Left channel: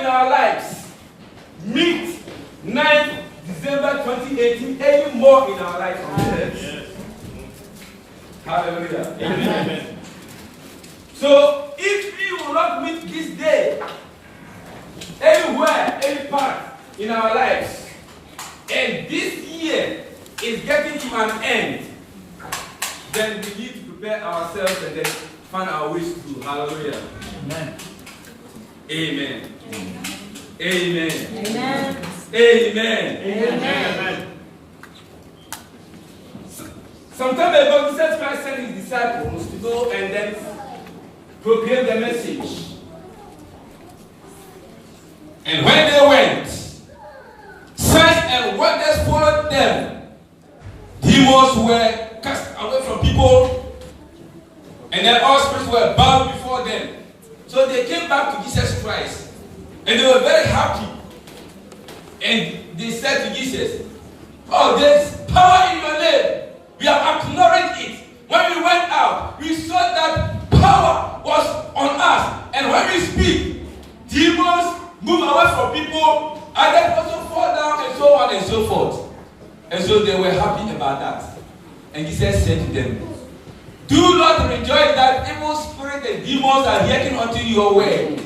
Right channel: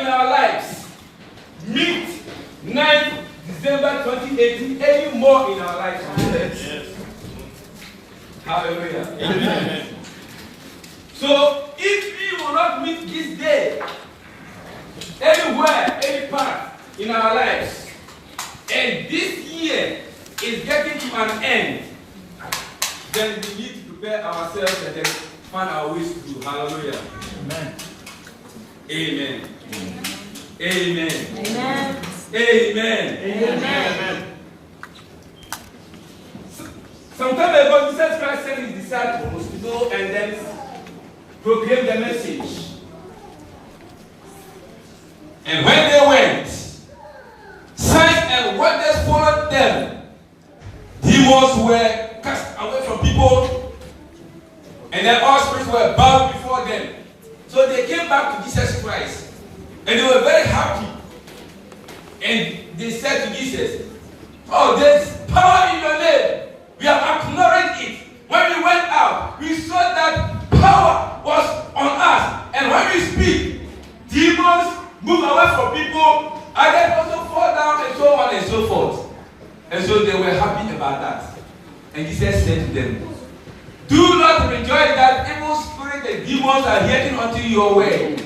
in our lives. Meet 9th December 2018, any more in our lives on the earth. Yes. Hallelujah. Amen. So, if we will not meet this day, anywhere, any part in our lives, and this year is getting to an end, then we need to prepare ourselves and then find our ways through. Hallelujah. Amen. Amen. Amen. Amen. Amen. Amen. Some time ago, Jesus Christ sent his disciples to go and then proclaim the message. And when they went, signs and wonders followed them. Demons were cast away from people, and then all spirits were bound before them. So they came back to Jesus Christ, and they were very happy. And they said to Jesus, "Oh, there's power in your name. We have acknowledged it. When we went out, we saw that power was on us. And when we speak, demons move away from people, and then also fall down, and so on and so forth." And so they were happy about that. And Jesus said to them, "Do not rejoice that evil spirits and demons are hearkening unto your word,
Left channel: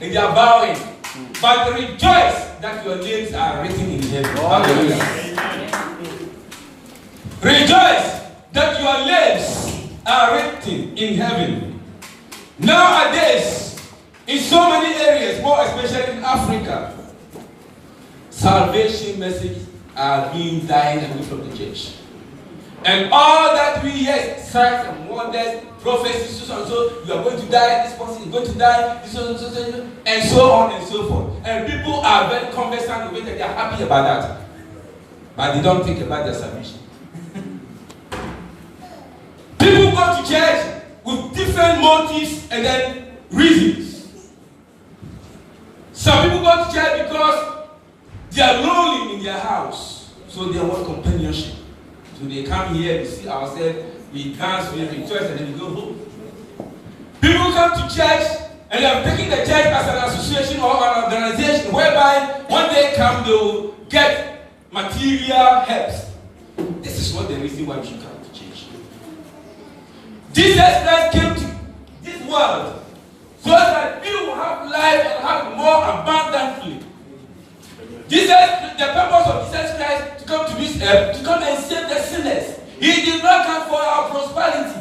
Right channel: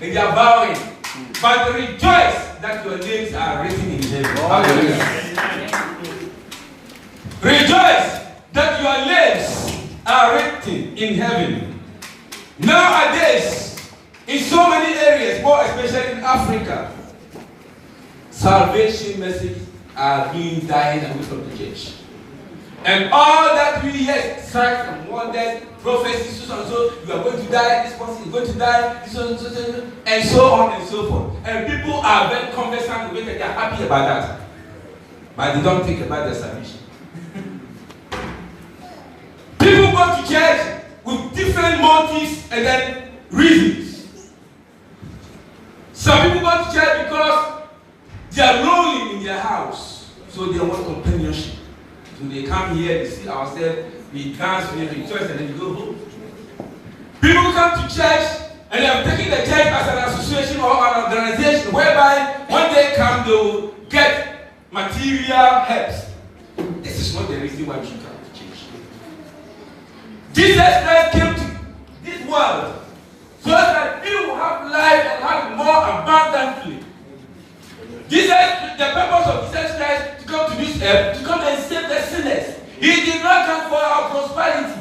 and they are bowing. But rejoice that your names are written in heaven." Hallelujah. Rejoice that your names are written in heaven. Nowadays, in so many areas, more especially in Africa, salvation messages are being dying away from the church. And all that we hear, signs and wonders, prophecies, so and so, you are going to die, this person is going to die, this one, and so on and so forth. And people are very conversant with it, and they are happy about that. But they don't think about their salvation. People go to church with different motives and then reasons. Some people go to church because they are lonely in their house, so they want companionship. So they come here, they see ourselves, we dance, we rejoice, and then we go home. People come to church and they have taken the church as an association or an organization whereby when they come, they will get material helps. This is not the reason why we should come to church. Jesus Christ came to this world so that we will have life and have more abundantly. The purpose of Jesus Christ to come to this earth, to come and save the sinners. He did not come for our prosperity.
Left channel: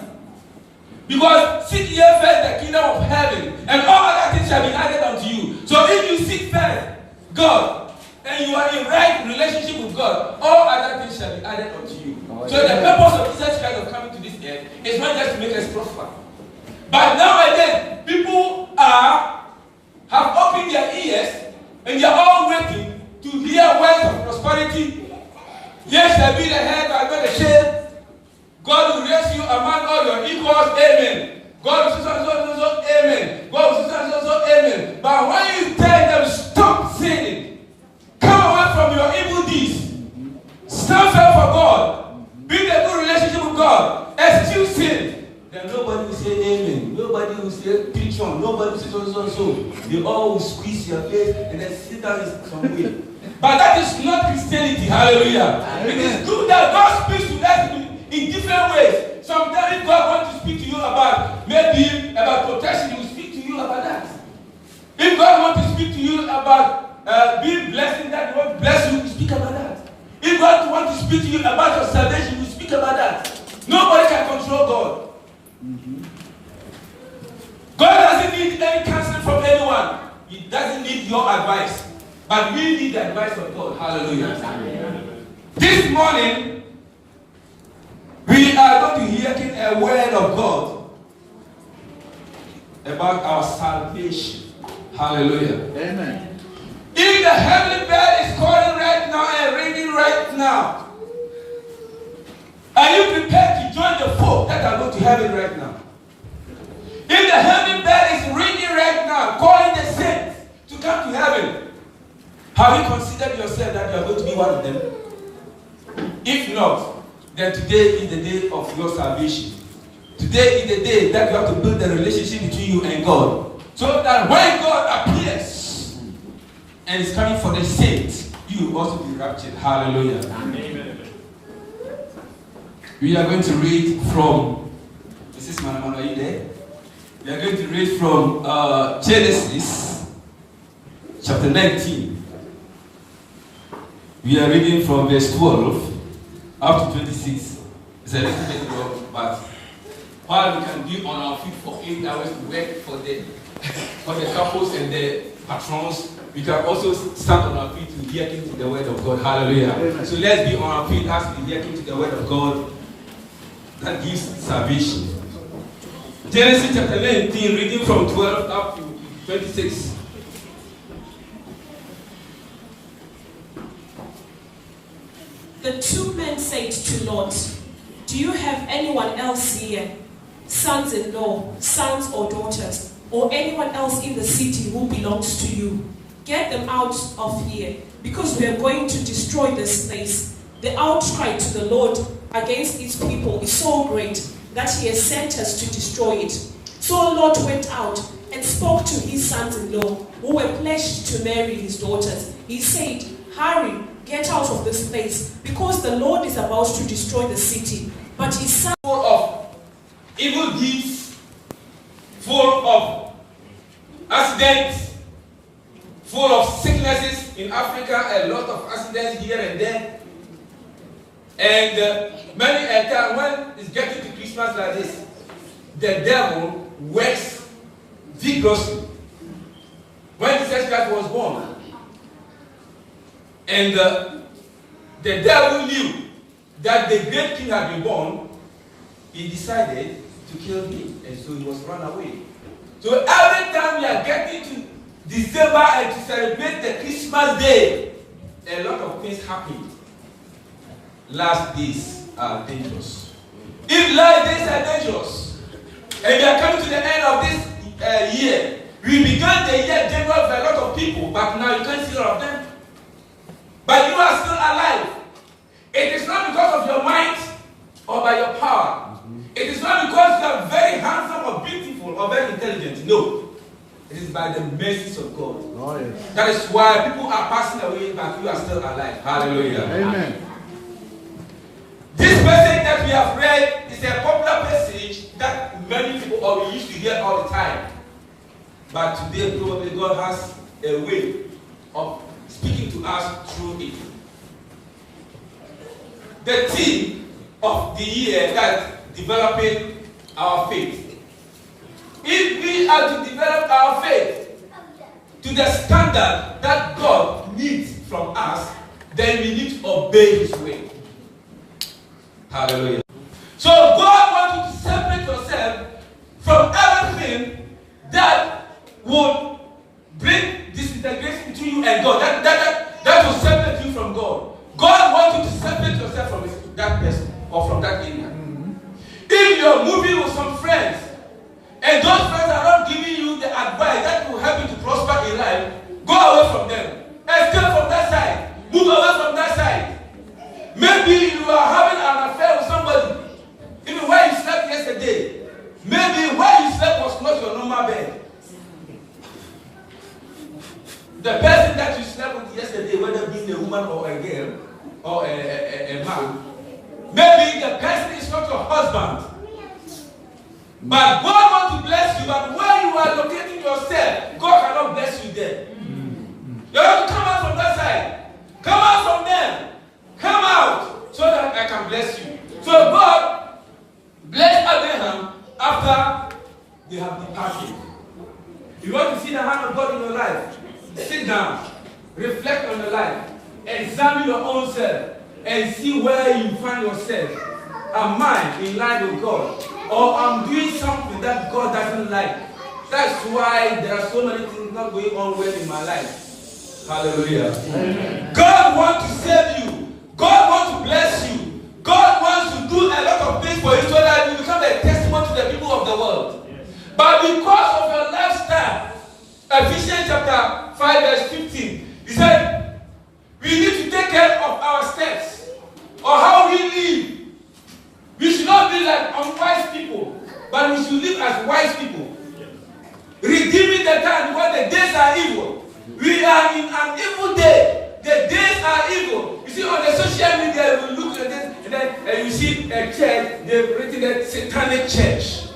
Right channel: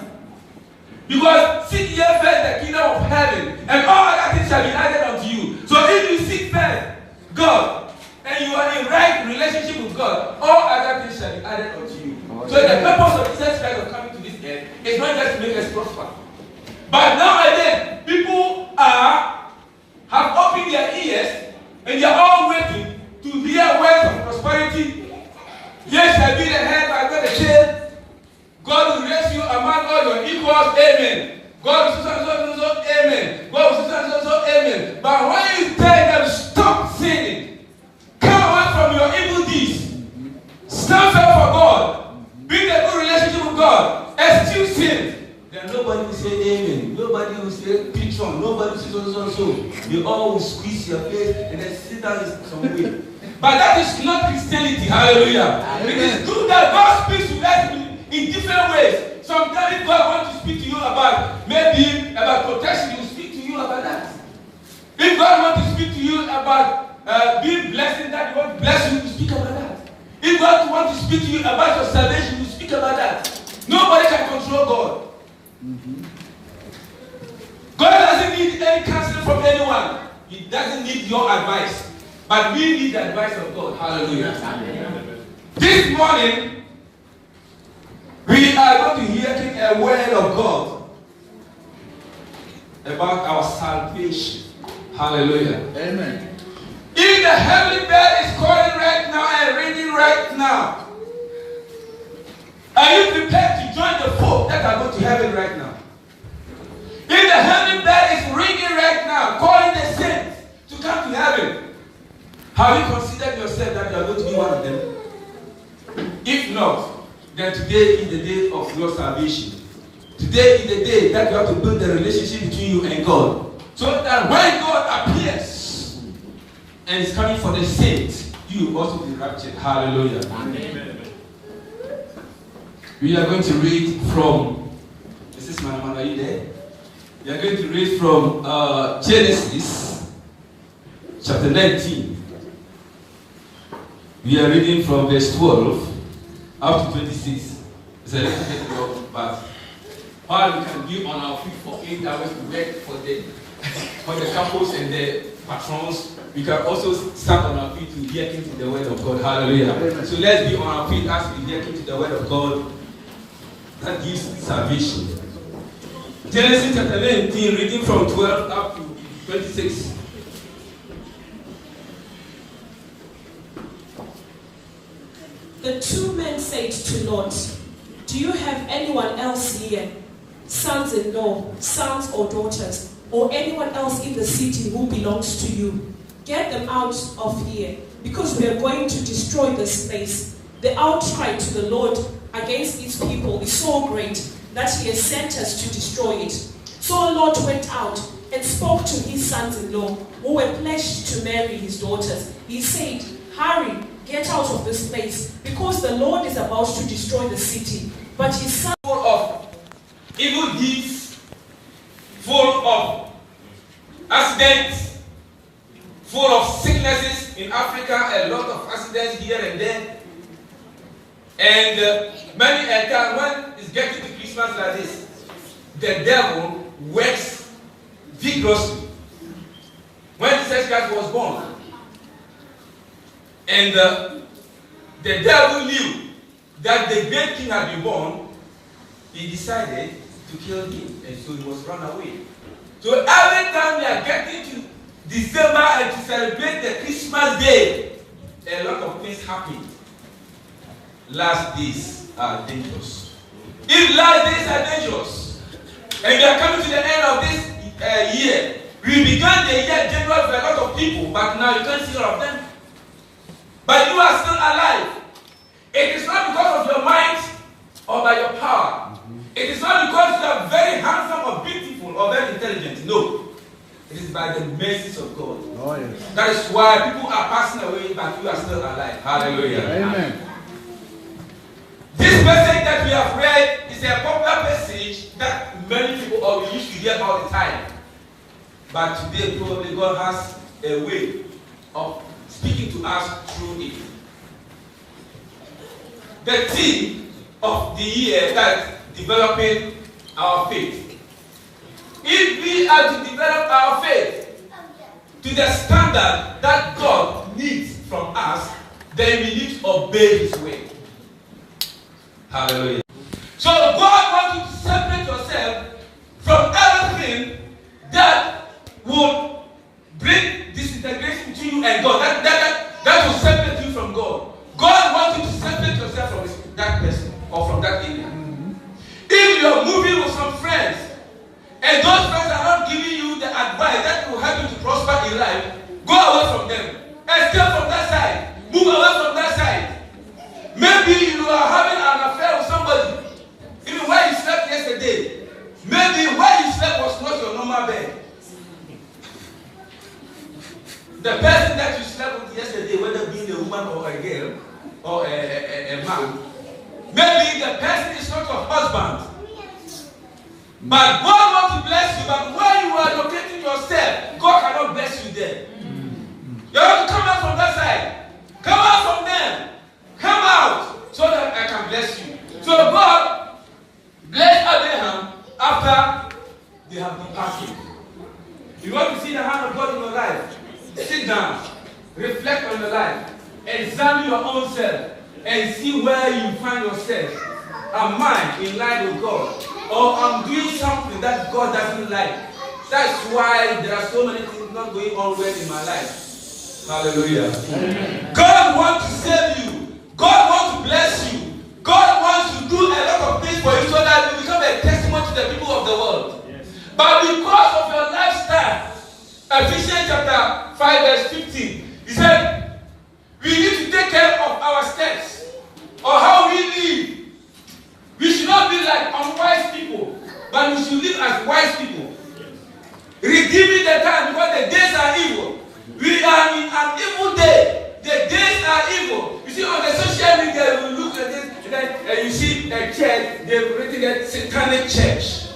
Because seek ye first the kingdom of heaven, and all other things shall be added unto you. So if you seek first God, and you are in right relationship with God, all other things shall be added unto you. So the purpose of Jesus Christ of coming to this earth is not just to make us prosper. But nowadays, people have opened their ears, and they are all waiting to hear words of prosperity. Yes, shall be the head, but not the tail. God will raise you among all your equals. Amen. God will so, amen. God will so, amen. But when you tell them, stop sinning, come away from your evil deeds, stand firm for God, build a good relationship with God, eschew sin, then nobody will say amen. Nobody will say preach on. Nobody will say so. They all will squeeze your face and then sit down some way. But that is not Christianity. Hallelujah. It is good that God speaks to us in different ways. Sometimes God wants to speak to you about maybe about protection, He will speak to you about that. If God wants to speak to you about being blessing, that He wants to bless you, He will speak about that. If God wants to speak to you about your salvation, He will speak about that. Nobody can control God. God doesn't need any counseling from anyone. He doesn't need your advice. But we need the advice of God. Hallelujah. This morning, we are going to hear a word of God about our salvation. Hallelujah. Amen. If the heavenly bell is calling right now and ringing right now, are you prepared to join the folk that are going to heaven right now? If the heavenly bell is ringing right now, calling the saints to come to heaven, have you considered yourself that you are going to be one of them? If not, then today is the day of your salvation. Today is the day that you have to build a relationship between you and God. So that when God appears, and is coming for the saints, you will also be raptured. Hallelujah. Amen. We are going to read from, this is Manamana, are you there? We are going to read from Genesis chapter 19. We are reading from verse 12 up to 26. It's a little bit long, but while we can be on our feet for 8 hours to work for the couples and the patrons, we can also stand on our feet to hear into the word of God. Hallelujah. Amen. So let's be on our feet as we hear into the word of God that gives salvation. Genesis chapter 19, reading from 12 up to 26. The two men said to Lot, "Do you have anyone else here, sons-in-law, sons or daughters, or anyone else in the city who belongs to you? Get them out of here, because we are going to destroy this place. The outcry to the Lord against its people is so great that he has sent us to destroy it." So Lot went out and spoke to his sons-in-law, who were pledged to marry his daughters. He said, "Hurry, get out of this place, because the Lord is about to destroy the city." But his son, full of evil deeds, full of accidents, full of sicknesses. In Africa, a lot of accidents here and there. And many a time when it's getting to Christmas like this, the devil works vigorously. When Jesus Christ was born, and the devil knew that the great king had been born, he decided to kill him, and so he was run away. So every time we are getting to December and to celebrate the Christmas day, a lot of things happen. Last days are dangerous. If last days are dangerous, and we are coming to the end of this year, we began the year January for a lot of people, but now you can't see all of them. But you are still alive. It is not because of your might or by your power. It is not because you are very handsome or beautiful or very intelligent. No. It is by the mercies of God. Oh, yes. That is why people are passing away, but you are still alive. Hallelujah. Amen. This message that we have read is a popular message that many people we used to hear all the time. But today, probably God has a way of speaking to us through it. The theme of the year is developing our faith. If we are to develop our faith to the standard that God needs from us, then we need to obey His way. Hallelujah. So God wants you to separate yourself from everything that would bring disintegration to you and God. That will separate you from God. God wants you to separate yourself from that person or from that area. If you're moving with some friends, and those friends are not giving you the advice that will help you to prosper in life, go away from them. Escape from that side. Move away from that side. Maybe you are having an affair with somebody. Even where you slept yesterday. Maybe where you slept was not your normal bed. The person that you slept with yesterday, whether being a woman or a girl or a man, maybe the person is not your husband. But God wants to bless you, but where you are locating yourself, God cannot bless you there. You have to come out from that side. Come out from them. Come out so that I can bless you. So God blessed Abraham after they have departed. You want to see the hand of God in your life? Sit down, reflect on your life, examine your own self, and see where you find yourself. Am I in line with God? Or I'm doing something that God doesn't like? That's why there are so many things not going on well in my life. Hallelujah. Amen. God wants to save you. God wants to bless you. God wants to do a lot of things for you so that you become a testimony to the people of the world. Yes. But because of your lifestyle, Ephesians chapter 5 verse 15, he said, we need to take care of our steps or how we live. We should not be like unwise people, but we should live as wise people. Redeeming the time because the days are evil. We are in an evil day. The days are evil. You see, on the social media, you look at this, and you see a church, they've written a satanic church.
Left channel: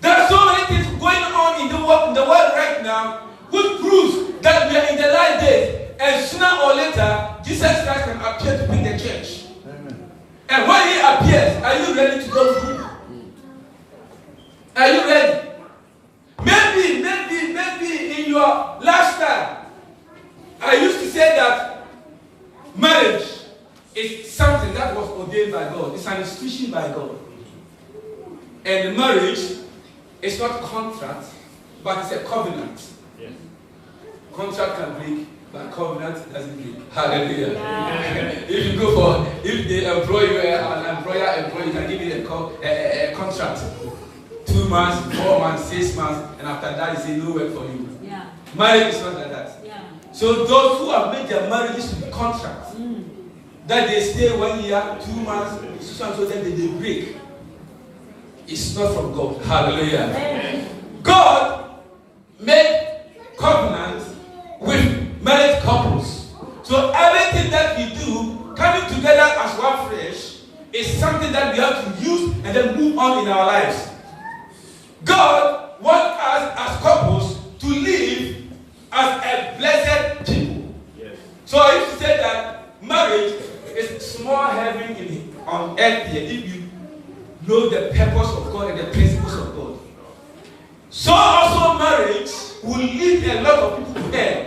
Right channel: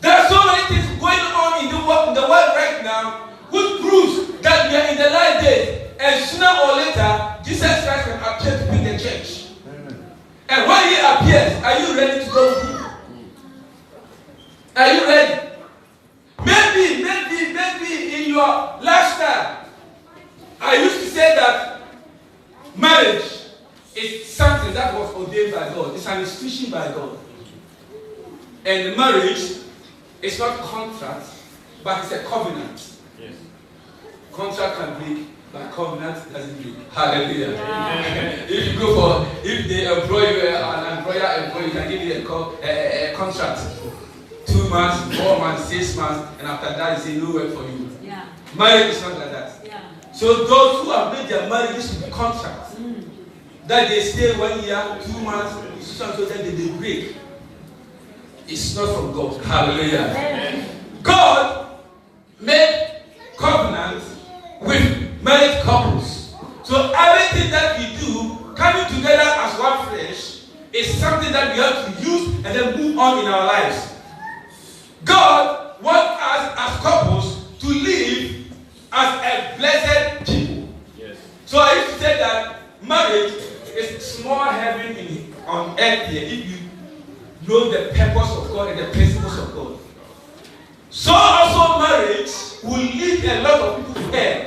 There are so many things going on in the world right now, which proves that we are in the last days. And sooner or later, Jesus Christ can appear to be the church. Amen. And when he appears, are you ready to go through? Are you ready? Maybe in your lifestyle, I used to say that marriage is something that was ordained by God. It's an institution by God. And marriage is not a contract, but it's a covenant. Yes. Contract can break, but covenant doesn't break. Hallelujah. Yeah. If they employ you, an employer, you can give you a contract. 2 months, 4 months, 6 months, and after that, they say no work for you. Yeah. Marriage is not like that. Yeah. So those who have made their marriages with contracts, that they stay 1 year, 2 months, so then they break. It's not from God. Hallelujah. Amen. God made covenants with married couples. So everything that we do, coming together as one flesh, is something that we have to use and then move on in our lives. God wants us as couples to live as a blessed people. Yes. So I used to say that marriage is small heaven on earth here if you know the purpose of God and the principles of God. So also marriage will lead a lot of people to hell.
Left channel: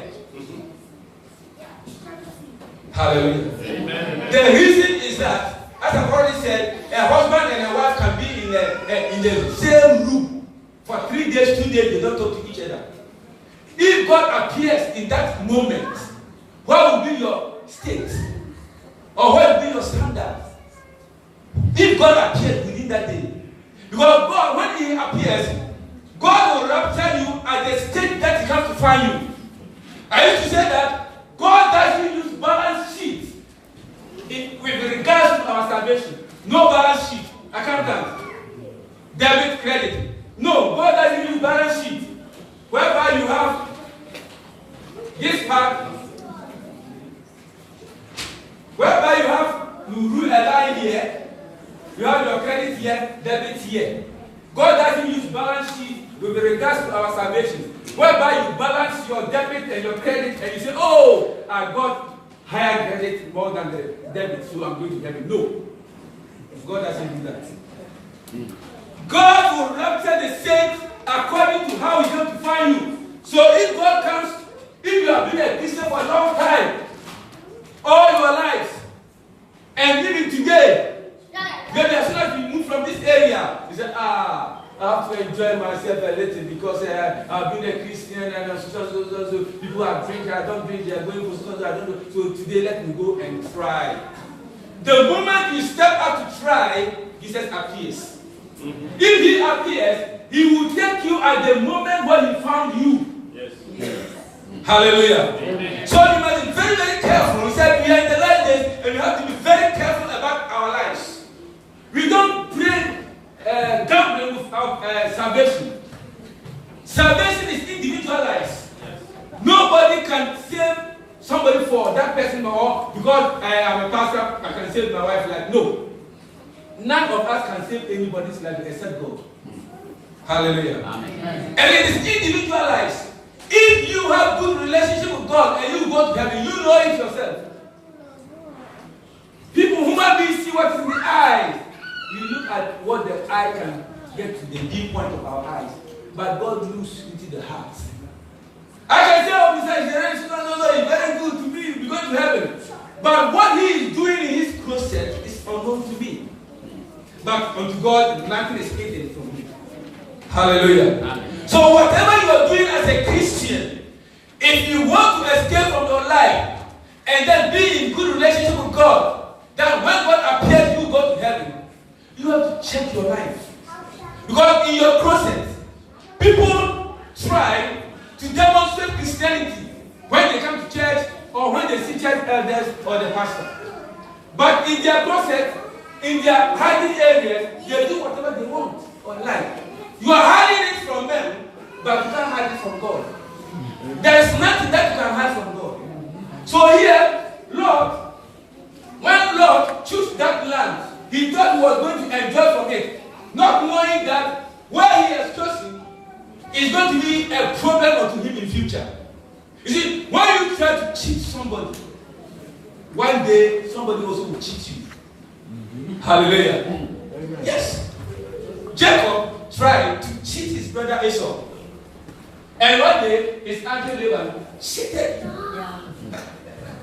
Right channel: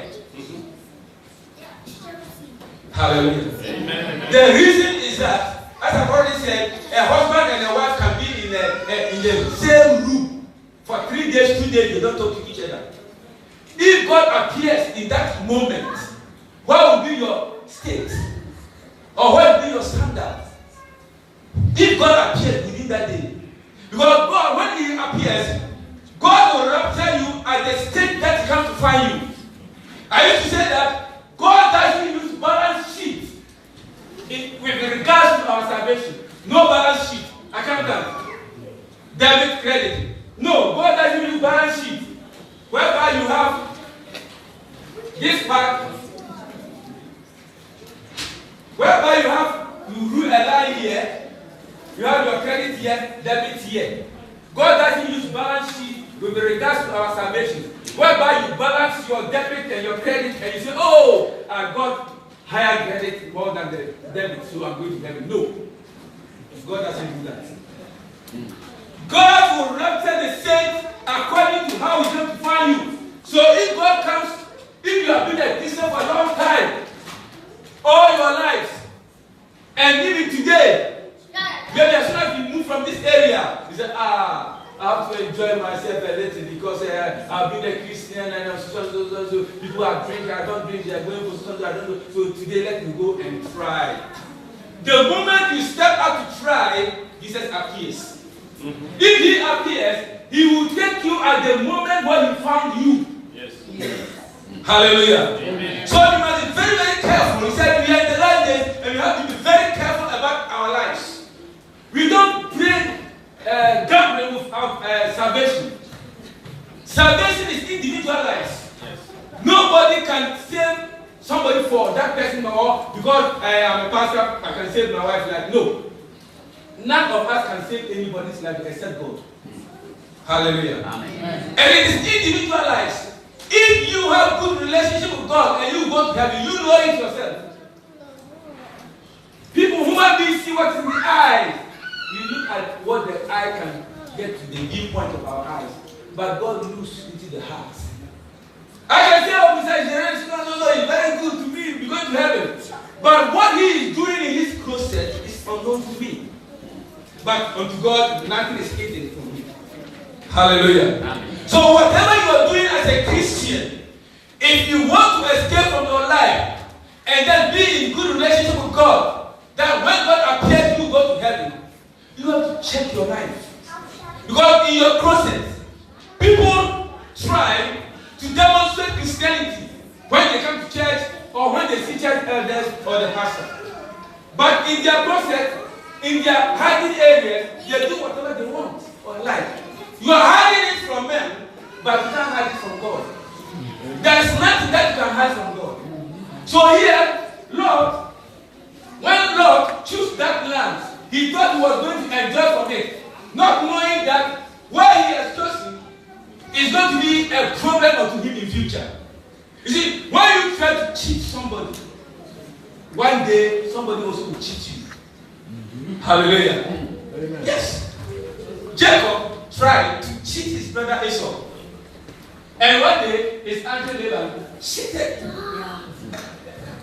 Hallelujah. Amen. The reason is that, as I've already said, a husband and a wife can be in the same room for 3 days, 2 days, they don't talk to each other. If God appears in that moment, what will be your state? Or what will be your standard? If God appears within that day. Because God, when he appears, God will rapture you at the state that he comes to find you. I used to say that God doesn't use balance sheet with regards to our salvation. No balance sheet. Accountant. Debit, credit. No, God doesn't use balance sheet. Whereby you have this part, whereby you rule a line here, you have your credit here, debit here. God doesn't use balance sheet with regards to our salvation. Whereby you balance your debit and your credit and you say, oh, I got higher credit more than the debit, so I'm going to debit. No. God doesn't do that. God will rapture the saints according to how he's going to find you. So if God comes, if you have been a Christian for a long time, all your life, and even today, maybe as soon as you move from this area, you say, I have to enjoy myself a little because I've been a Christian and so people are drinking, I don't drink, they are going for something, I don't know. So today let me go and try. The moment you step out to try, Jesus appears. Mm-hmm. If he appears, he will take you at the moment when he found you. Yes. Yes. Hallelujah. Amen. So you must be very, very careful. He said we are in the last days and we have to be very careful about our lives. We don't play gambling with our salvation. Salvation is individualized. Yes. Nobody can save somebody for that person or because I am a pastor, I can save my wife's life. No. None of us can save anybody's life except God. Hallelujah. Amen. And it is individualized. If you have good relationship with God and you go to heaven, you know it yourself. People, human beings, see what's in the eye. You look at what the eye can get to the viewpoint of our eyes. But God looks into the heart. I can say, oh, besides generation, no, it's very good to me, we're going to heaven. But what he is doing in his closet is unknown to me. But unto God, nothing is hidden from me. Hallelujah. Amen. So whatever you are doing as a Christian, if you want to escape from your life and then be in good relationship with God, that when God appears, you go to heaven, you have to check your life. Because in your process, people try to demonstrate Christianity when they come to church or when they see church elders or the pastor. But in their process, in their hiding areas, they do whatever they want or like. You are hiding it from them, but you can't hide it from God. There is nothing that you can hide from God. So here, Lord, when Lord chose that land, he thought he was going to enjoy from it, not knowing that where he has chosen is going to be a problem to him in future. You see, when you try to cheat somebody, one day somebody also will cheat you. Hallelujah. Amen. Yes. Jacob tried to cheat his brother Esau. And one day his uncle Laban cheated.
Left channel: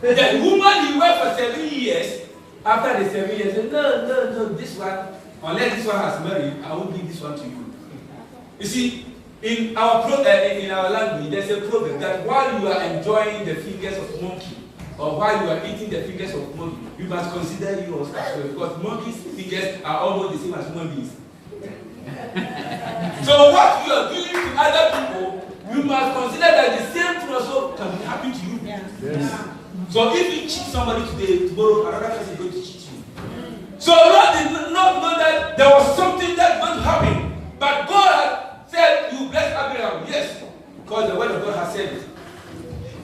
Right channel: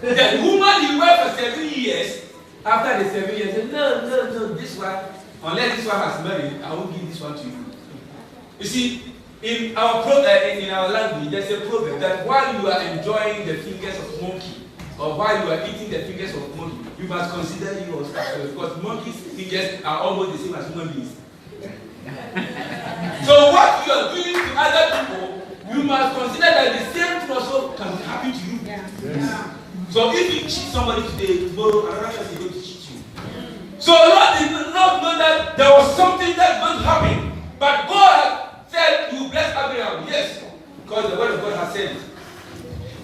The woman he worked for 7 years, after the 7 years, said, no, this one, unless this one has married, I won't give this one to you. You see, in our language, there's a proverb that while you are enjoying the fingers of monkey, or while you are eating the fingers of monkey, you must consider yours as well, because monkeys' fingers are almost the same as human beings. So what you are doing to other people, you must consider that the same thing also can happen to you. Yes. So if you cheat somebody today, tomorrow another person is going to cheat you. So Lot did not know that there was something that was going to happen, but God said, "You bless Abraham." Yes, because the word of God has said it.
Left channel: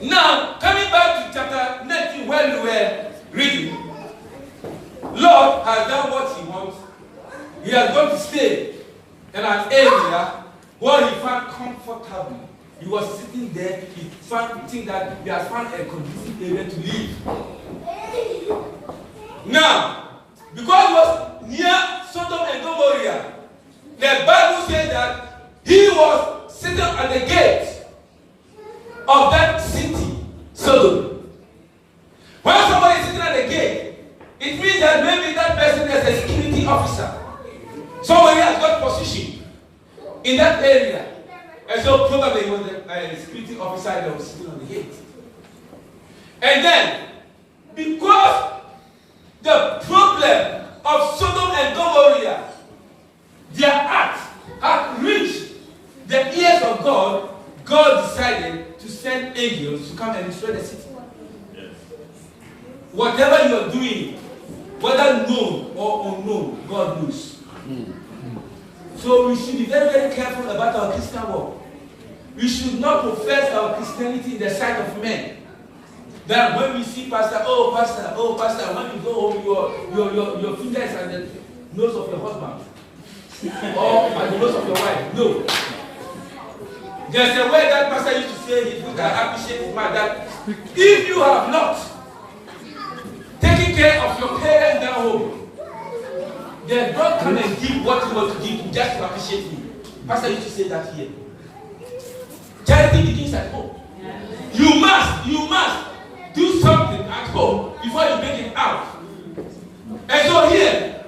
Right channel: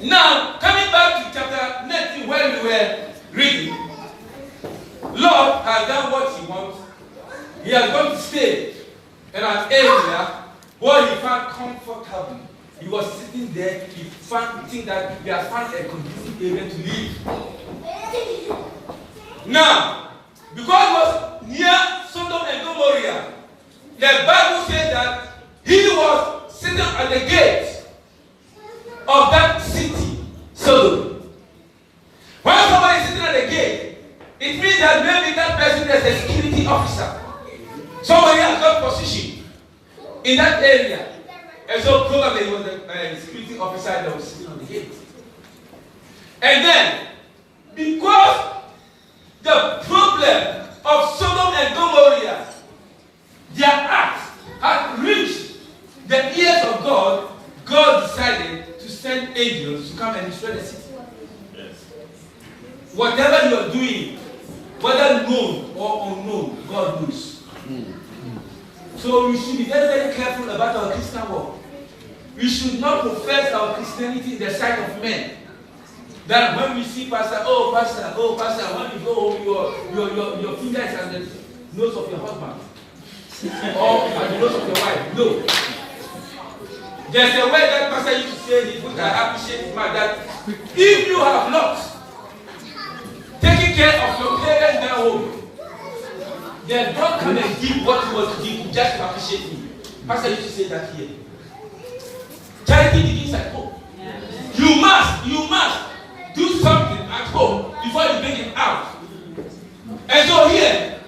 Now, coming back to chapter 19, where we were reading, Lord has done what he wants. He has gone to stay in an area where he found comfortable. He was sitting there, he think that he has found a conducive area to live. Now, because he was near Sodom and Gomorrah, the Bible says that he was sitting at the gate of that city, Sodom. When somebody is sitting at the gate, it means that maybe that person is a security officer. Somebody has got position in that area. And so probably it was the security officer that was sitting on the gate. And then, because the problem of Sodom and Gomorrah, their act had reached the ears of God, God decided to send angels to come and destroy the city. Yes. Whatever you are doing, whether known or unknown, God knows. So we should be very, very careful about our Christian walk. We should not profess our Christianity in the sight of men. That when we see pastor, oh pastor, when you go home, your finger is at the nose of your husband. Or at the nose of your wife. No. There's a way that pastor used to say, he would appreciate his man, that if you have not taken care of your parents at home, then don't come and give what you want to give just to appreciate me. Pastor used to say that here. Charity begins at home. You must do something at home before you bring it out. And so here,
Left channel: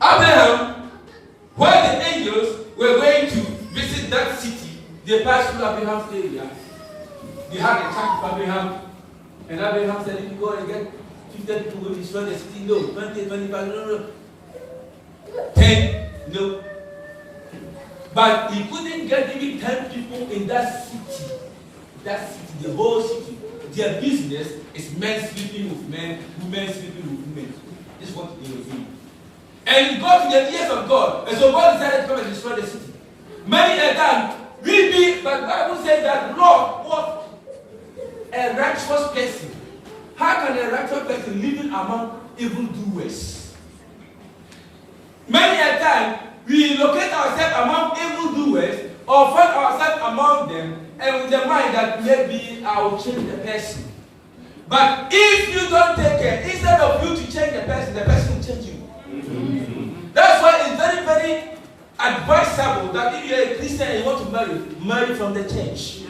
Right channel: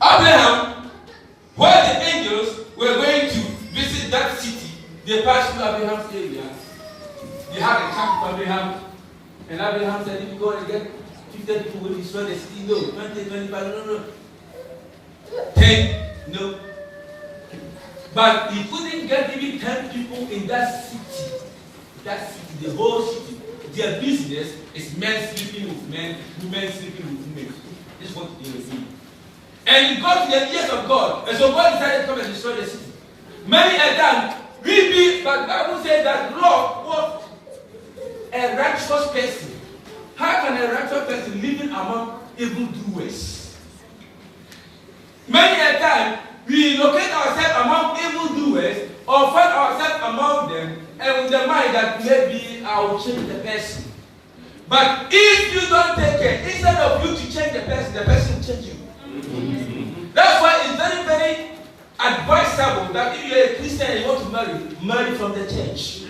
Abraham, where the angels were going to visit that city, they passed through Abraham's area. They had a chat with Abraham, and Abraham said, if you go and get 50 people will destroy the city, no. 20, 25, no. 10, no. But he couldn't get even 10 people in that city. The whole city. Their business is men sleeping with men, women sleeping with women. This is what they were doing. And it got to the ears of God. And so God decided to come and destroy the city. Many a time, but the Bible says that Lord was a righteous person. How can a righteous person living among evildoers? Many a time, we locate ourselves among evildoers or find ourselves among them and with the mind that maybe I will change the person. But if you don't take care, instead of you to change the person will change you. That's why it's very, very advisable that if you're a Christian and you want to marry from the church.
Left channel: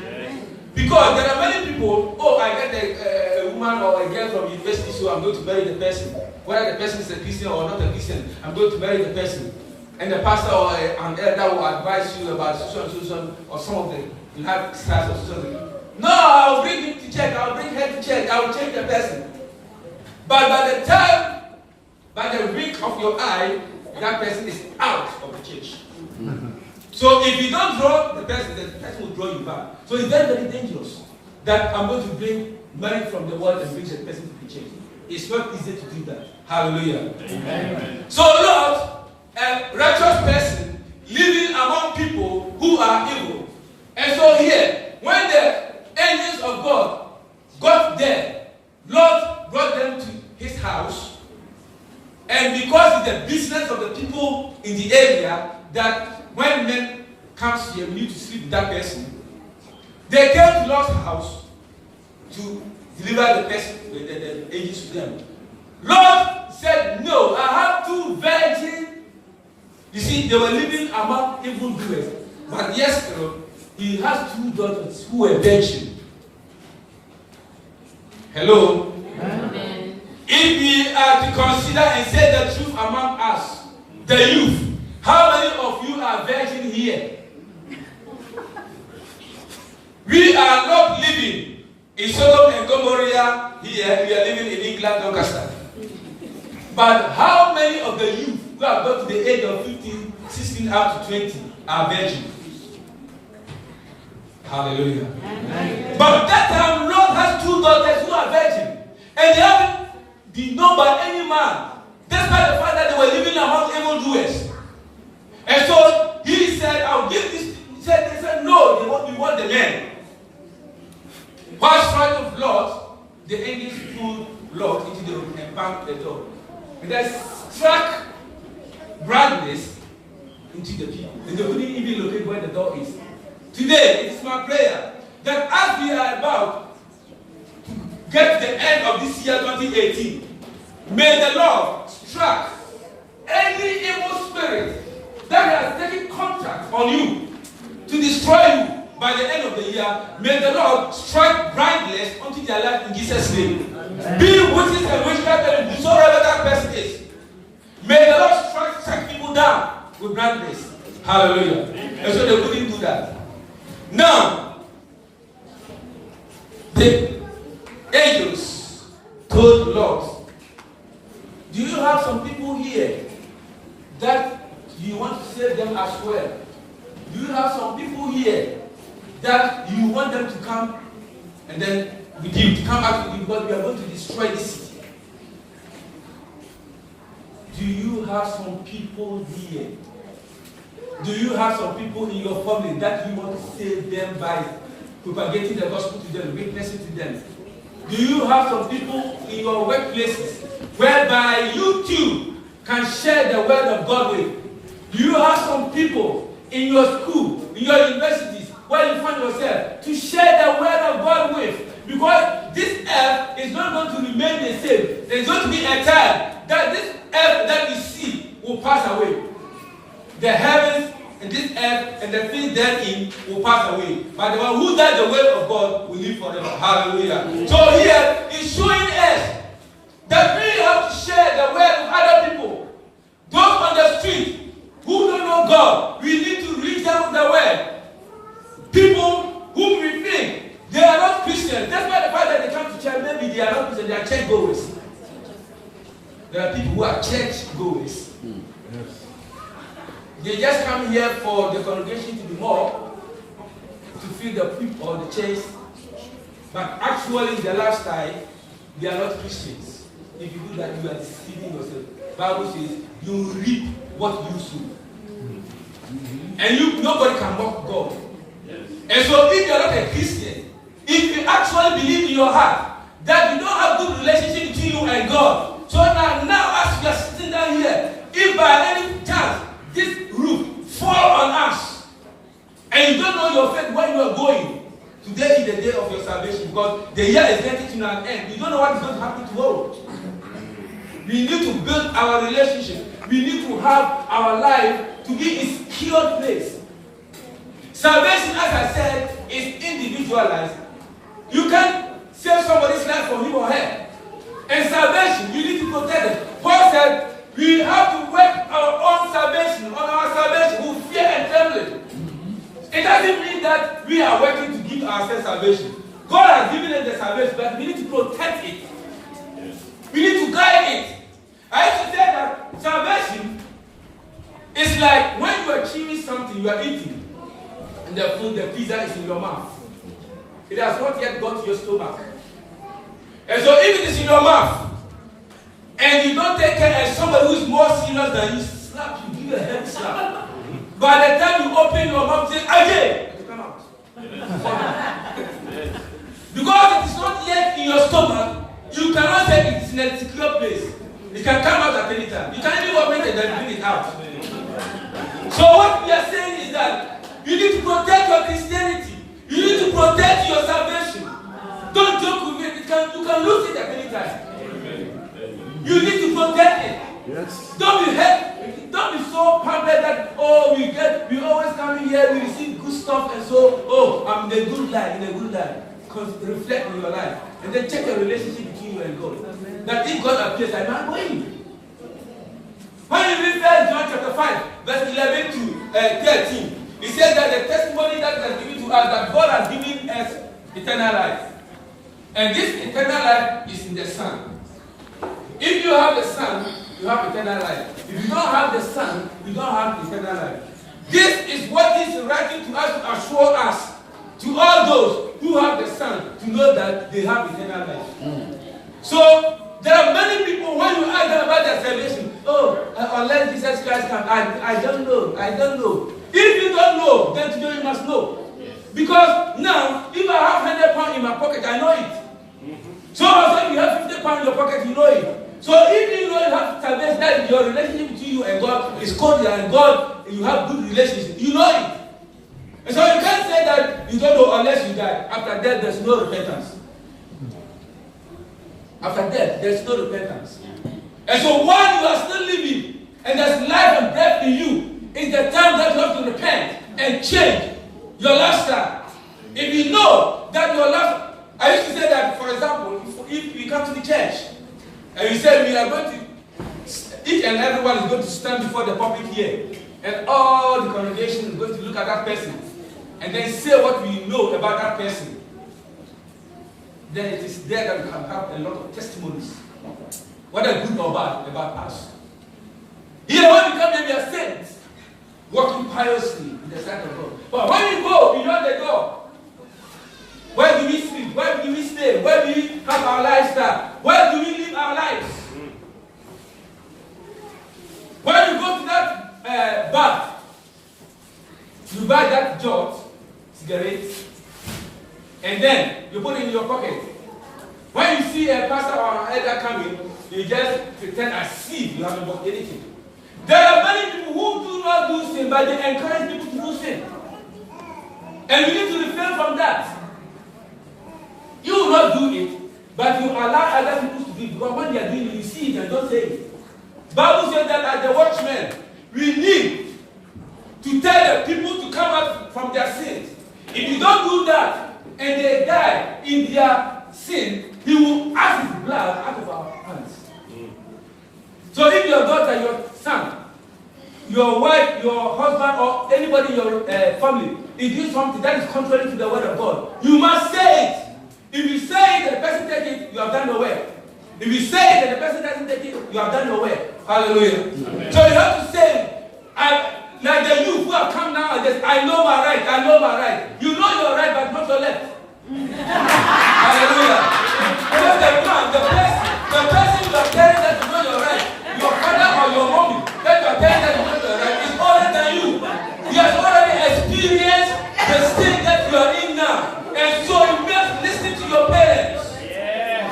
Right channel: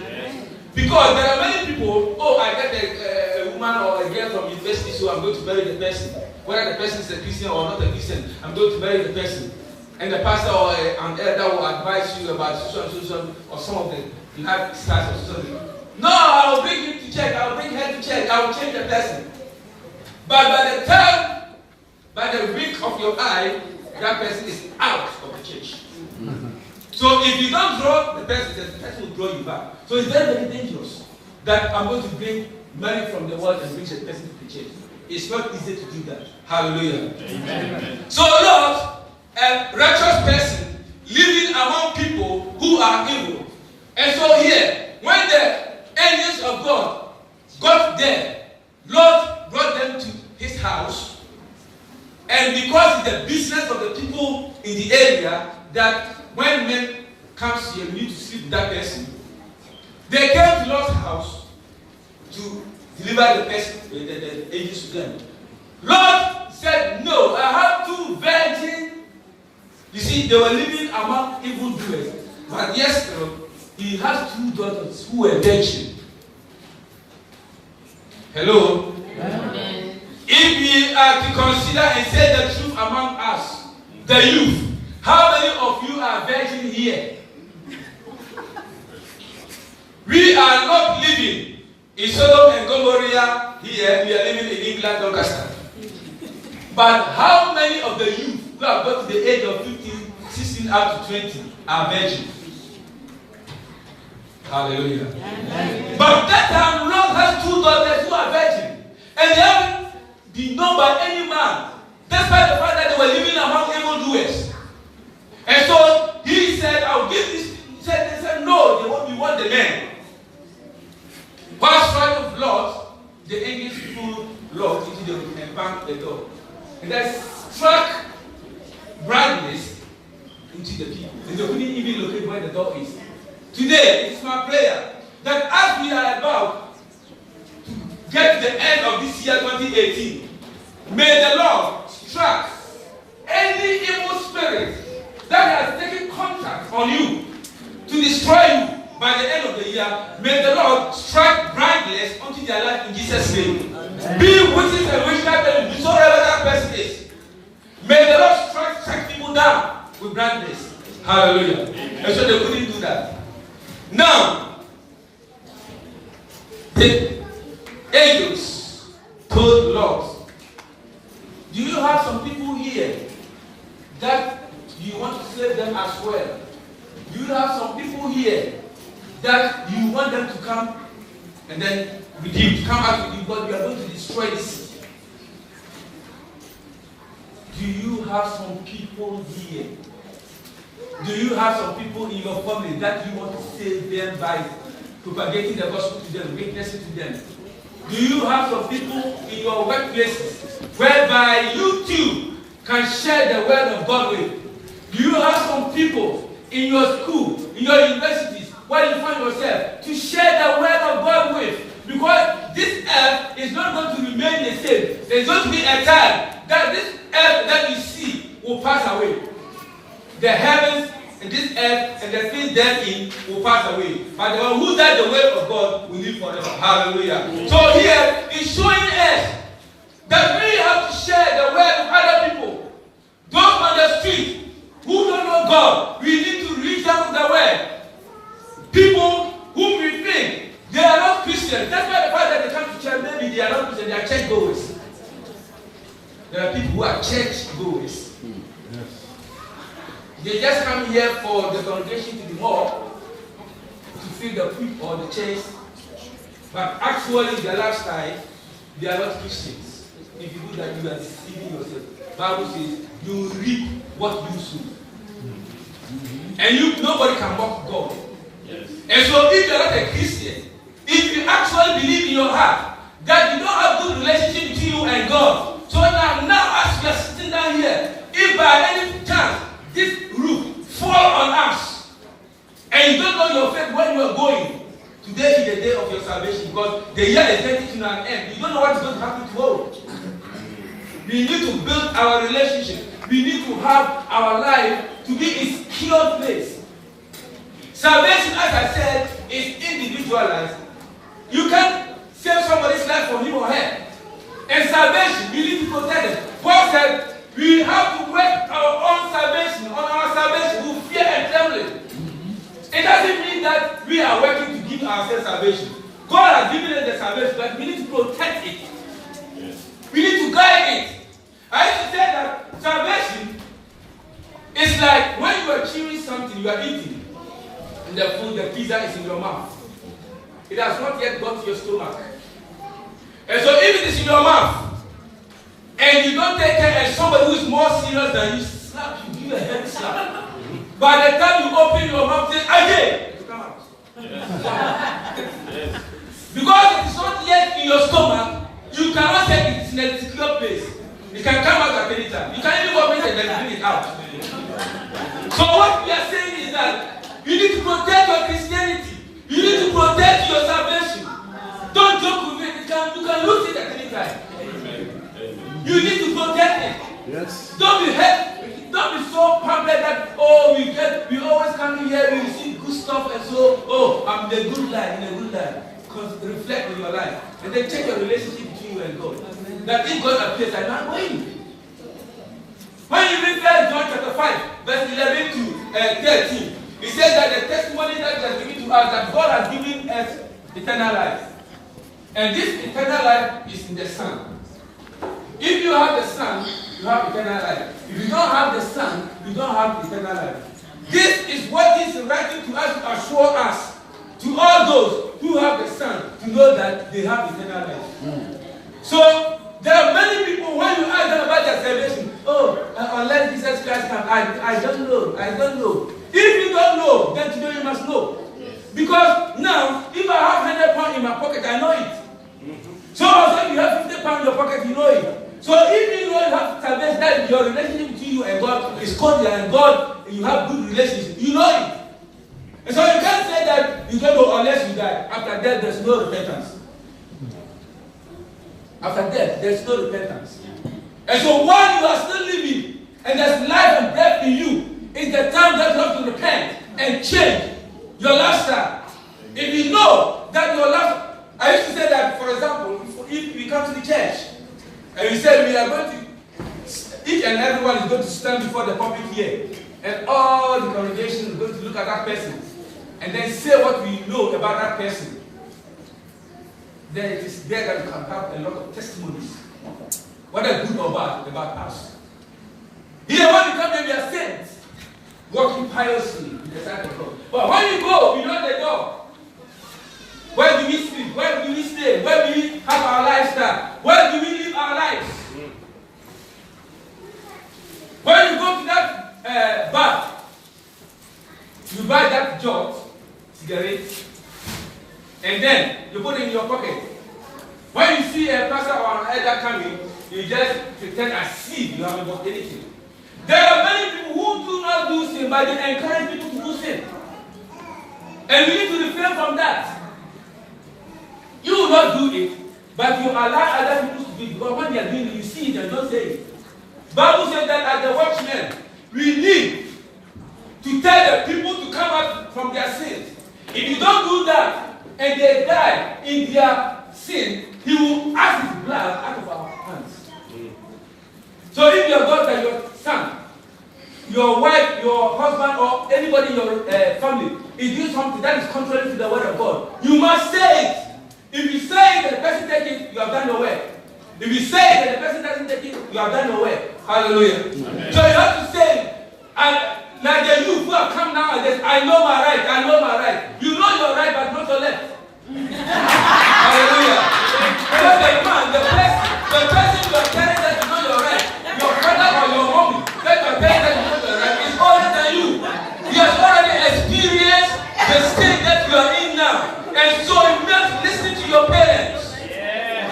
Because there are many people, I get a woman or a girl from university, so I'm going to marry the person. Whether the person is a Christian or not a Christian, I'm going to marry the person. And the pastor or an elder will advise you about social or some of the lifestyles or something. No, I will bring him to church, I will bring her to church, I will change the person. But by the wink of your eye, that person is out of the church. So if you don't draw the person will draw you back. So it's very, very dangerous that I'm going to bring money from the world and bring the person to the church. It's not easy to do that. Hallelujah. Amen. So Lord, a righteous person living among people who are evil. And so here, when the angels of God got there, Lord brought them to his house. And because it's the business of the people in the area that when men comes here, we need to sleep with that person. They came to Lord's house to deliver the person, the angels to them. Lord said, no, I have 2 virgins. You see, they were living among evildoers. But yes, he has 2 daughters who were virgins. Hello? Amen. If we are to consider and say the truth among us, the youth, how many of you are virgin here? We are not living in Sodom and Gomorrah here. We are living in England, Doncaster. But how many of the youth who have got to the age of 15, 16 up to 20 are virgins? Hallelujah. Amen. But that time, Lord has 2 daughters who are virgins. And they haven't been known by any man. Despite the fact that they were living among evildoers. And so he said, I'll give this. They said, no, we want the men. While striking of Lot, the angels pulled Lot into the room and banged the door. And they struck brightness into the people. And they couldn't even locate where the door is. Today, it is my prayer that as we are about to get the end of this year 2018, may the Lord strike any evil spirit that has taken contact on you to destroy you by the end of the year. May the Lord strike blindness unto their life in Jesus' name. Amen. Be witches and witchcraft and whosoever that person is. May the Lord strike people down with blindness. Hallelujah. Amen. And so they couldn't do that. Now, the angels told Lot, do you have some people here that you want to save them as well? Do you have some people here that you want them to come and then with you, to come out with you, but we are going to destroy this city? Do you have some people here? Do you have some people in your family that you want to save them by propagating the gospel to them, witnessing to them? Do you have some people in your workplaces whereby you too can share the word of God with? Do you have some people in your school, in your universities, where you find yourself to share the word of God with? Because this earth is not going to remain the same. There's going to be a time that this earth that you see will pass away. The heavens and this earth and the things therein will pass away. But the one who does the word of God will live forever. Hallelujah. So here is showing us that we have to share the word with other people. Those on the street who don't know God, we need to reach them with the word. People whom we think they are not Christians. That's why the fact that they come to church, maybe they are not Christians, they are church goers. There are people who are church goers. Yes. They just come here for the congregation to be more, to fill the people or the church. But actually, their lifestyle, they are not Christians. If you do that, you are deceiving yourself. The Bible says, you reap what you sow. And nobody can mock God. Yes. And so if you are not a Christian, if you actually believe in your heart that you don't have good relationship between you and God, so now as we are sitting down here, if by any chance this roof fall on us, and you don't know your faith where you are going, today is the day of your salvation, because the year is getting to an end. You don't know what is going to happen tomorrow. We need to build our relationship. We need to have our life to be a secure place. Salvation, as I said, is individualized. You can't save somebody's life from him or her. And salvation, you need to protect it. Paul said, we have to work our own salvation, on our salvation with fear and trembling. It doesn't mean that we are working to give ourselves salvation. God has given us the salvation, but we need to protect it. Yes. We need to guide it. I used to say that salvation is like when you are chewing something, you are eating, and the food, the pizza is in your mouth. It has not yet got to your stomach. And so if it is in your mouth, and you don't take care, and somebody who is more serious than you slap you, give a heavy slap. By the time you open your mouth, say, again, it will come out. in a secure place. It can come out at any time. You can even open it and then bring it out. So what we are saying is that you need to protect your Christianity. You need to protect your salvation. Don't joke with it. You can lose it at any time. You need to protect it. Yes. Don't be so pampered that we always come in here, we receive good stuff, and so I'm in a good life. Because reflect on your life. And then check your relationship between you and God. That if God appears, I'm not going. When you read 1 John chapter 5, verse 11 to 13, it says that the testimony that has given to us, that God has given us eternal life. And this eternal life is in the Son. If you have the Son, you have eternal life. If you don't have the Son, you don't have eternal life. This is what He is writing to us to assure us, to all those who have the Son, to know that they have eternal life. So, there are many people, when you ask them about their salvation, unless Jesus Christ comes, I don't know. If you don't know, then today you must know. Because now, if I have £100 in my pocket, I know it. So also if you have £50 in your pocket, you know it. So if you know you have salvation, that your relationship between you and God is cordial, and God, you have good relationship, you know it. And so you can't say that you don't know unless you die. After death, there's no repentance. After death, there's no repentance. And so while you are still living, and there's life and breath in you, it's the time that you have to repent and change your lifestyle. If you know that your life, I used to say that, for example, if you come to the church, and you say, we are going to, each and everyone is going to stand before the public here, and all the congregation is going to look at that person, and then say what we know about that person, then it is there that we can have a lot of testimonies, whether good or bad, about us. Here, when we come here, we are saints, walking piously in the sight of God. But when you go beyond the door, where do we sleep? Where do we stay? Where do we have our lifestyle? Where do we live our lives? When you go to that bar, you buy that jot, cigarette, and then you put it in your pocket. When you see a pastor or an elder coming, you just pretend as if you haven't bought anything. There are many people who do not do sin, but they encourage people to do sin. And we need to refrain from that. You will not do it, but you allow other people to do it, because when they are doing it, you see it and don't say it. Bible says that as the watchmen, we need to tell the people to come out from their sins. If you don't do that, and they die in their sin, He will ask His blood out of our hands. So if your daughter, your son, your wife, your husband, or anybody in your family is doing something that is contrary to the word of God, you must say it. If you say it and the person takes it, you have done your work. If you say it and the person doesn't take it, you have done your work. Hallelujah. Amen. So you have to say, like the youth who have come now and say, I know my right, I know my right. You know your right, but not your left. Hallelujah. Because the man, the person you are telling that you know your right, your father or your mommy, that you are telling that you know your right, is older than you. He has already experienced the state that you are in now. And so you must listen to your parents. Yes.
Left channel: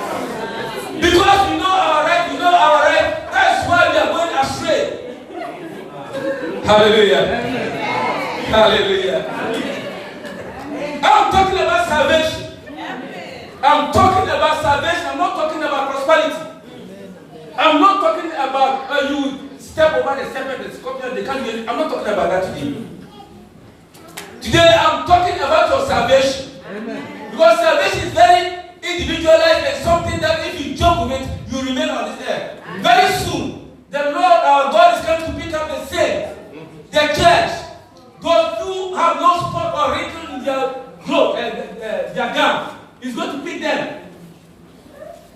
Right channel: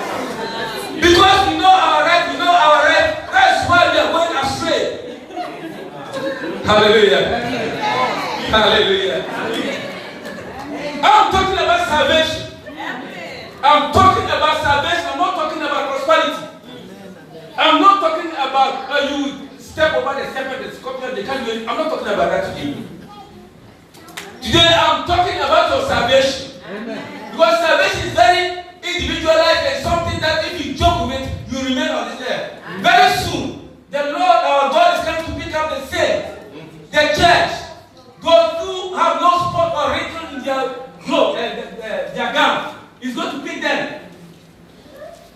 Because we know our right, that's why we are going astray. Hallelujah. Hallelujah. I'm talking about salvation. I'm talking about salvation. I'm not talking about prosperity. I'm not talking about you step over the serpent, the scorpion, the canyon. I'm not talking about that today. Today I'm talking about your salvation. Amen. Because salvation is very individualized and something that if you joke with it, you remain on this earth. Very soon, the Lord our God is coming to pick up the saints, the church, those who have no spot or wrinkle in their clothes, their gown. He's going to pick them.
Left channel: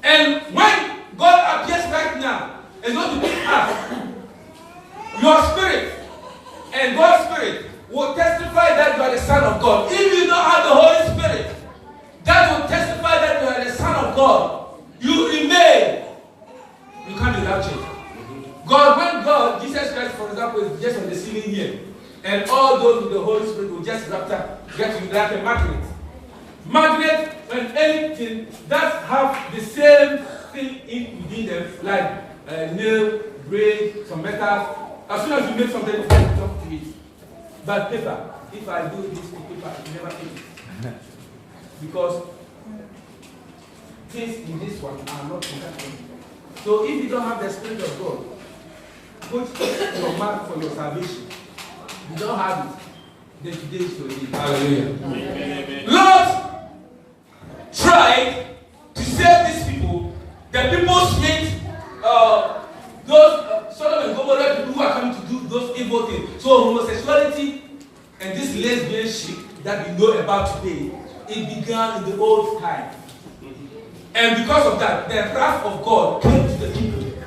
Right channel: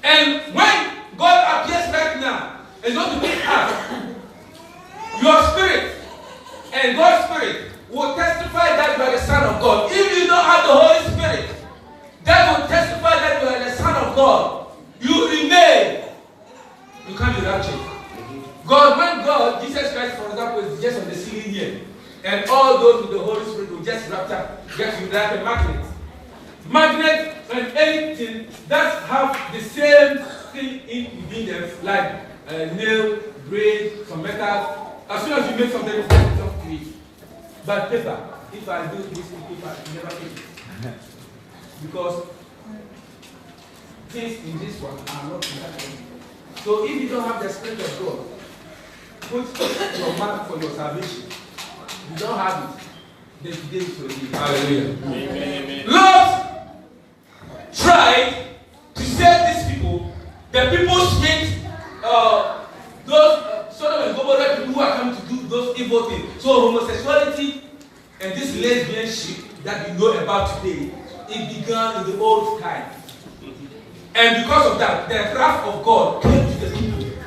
And when God appears right now, He's going to pick us. Your spirit and God's spirit will testify that you are the Son of God. If you don't have the Holy Spirit, that will testify that you are the Son of God. You remain. You can't be raptured. When God, Jesus Christ, for example, is just on the ceiling here, and all those with the Holy Spirit will just get like a magnet. Magnet and anything that have the same something in within them, like nail, braid, some metals. As soon as you make something, you get something to it. But paper, if I do this with paper, you never eat it. Because things in this one are not connected. So if you don't have the Spirit of God, put your mark for your salvation. You don't have it, then today is your day. Hallelujah. Amen. Lord tried to save these people. The people hate those Sodom and Gomorrah people who are coming to do those evil things. So homosexuality and this lesbianship that we know about today, it began in the old time. And because of that, the wrath of God came to the people,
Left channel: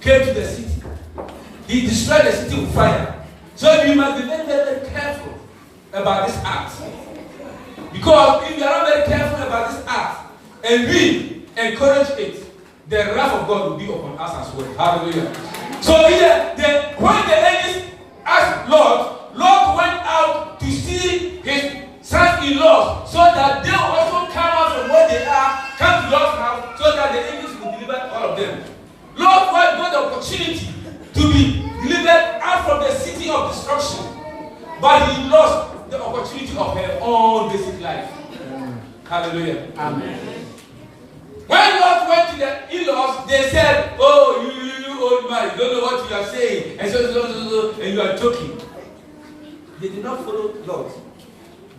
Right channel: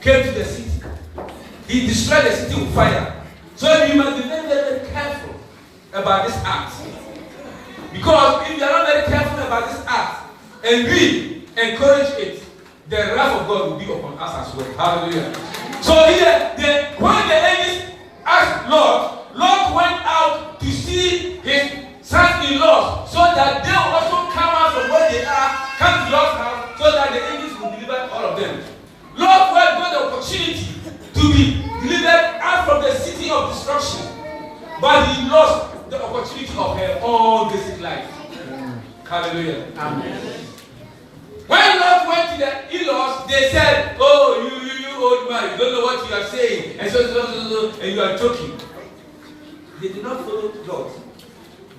came to the city. He destroyed the city with fire. So you must be very, very careful about this act. Because if you are not very careful about this act, and we encourage it, the wrath of God will be upon us as well. Hallelujah. So here, when the ladies asked Lord went out to see his sons-in-law so that they will also come out from where they are, come to Lord's house, so that the angels will deliver all of them. Lord got the opportunity to be delivered out from the city of destruction, but he lost the opportunity of her own basic life. Hallelujah. Amen. When Lot went to the in-laws, they said, "Oh, you old man, you don't know what you are saying, and so, and you are joking." They did not follow Lot.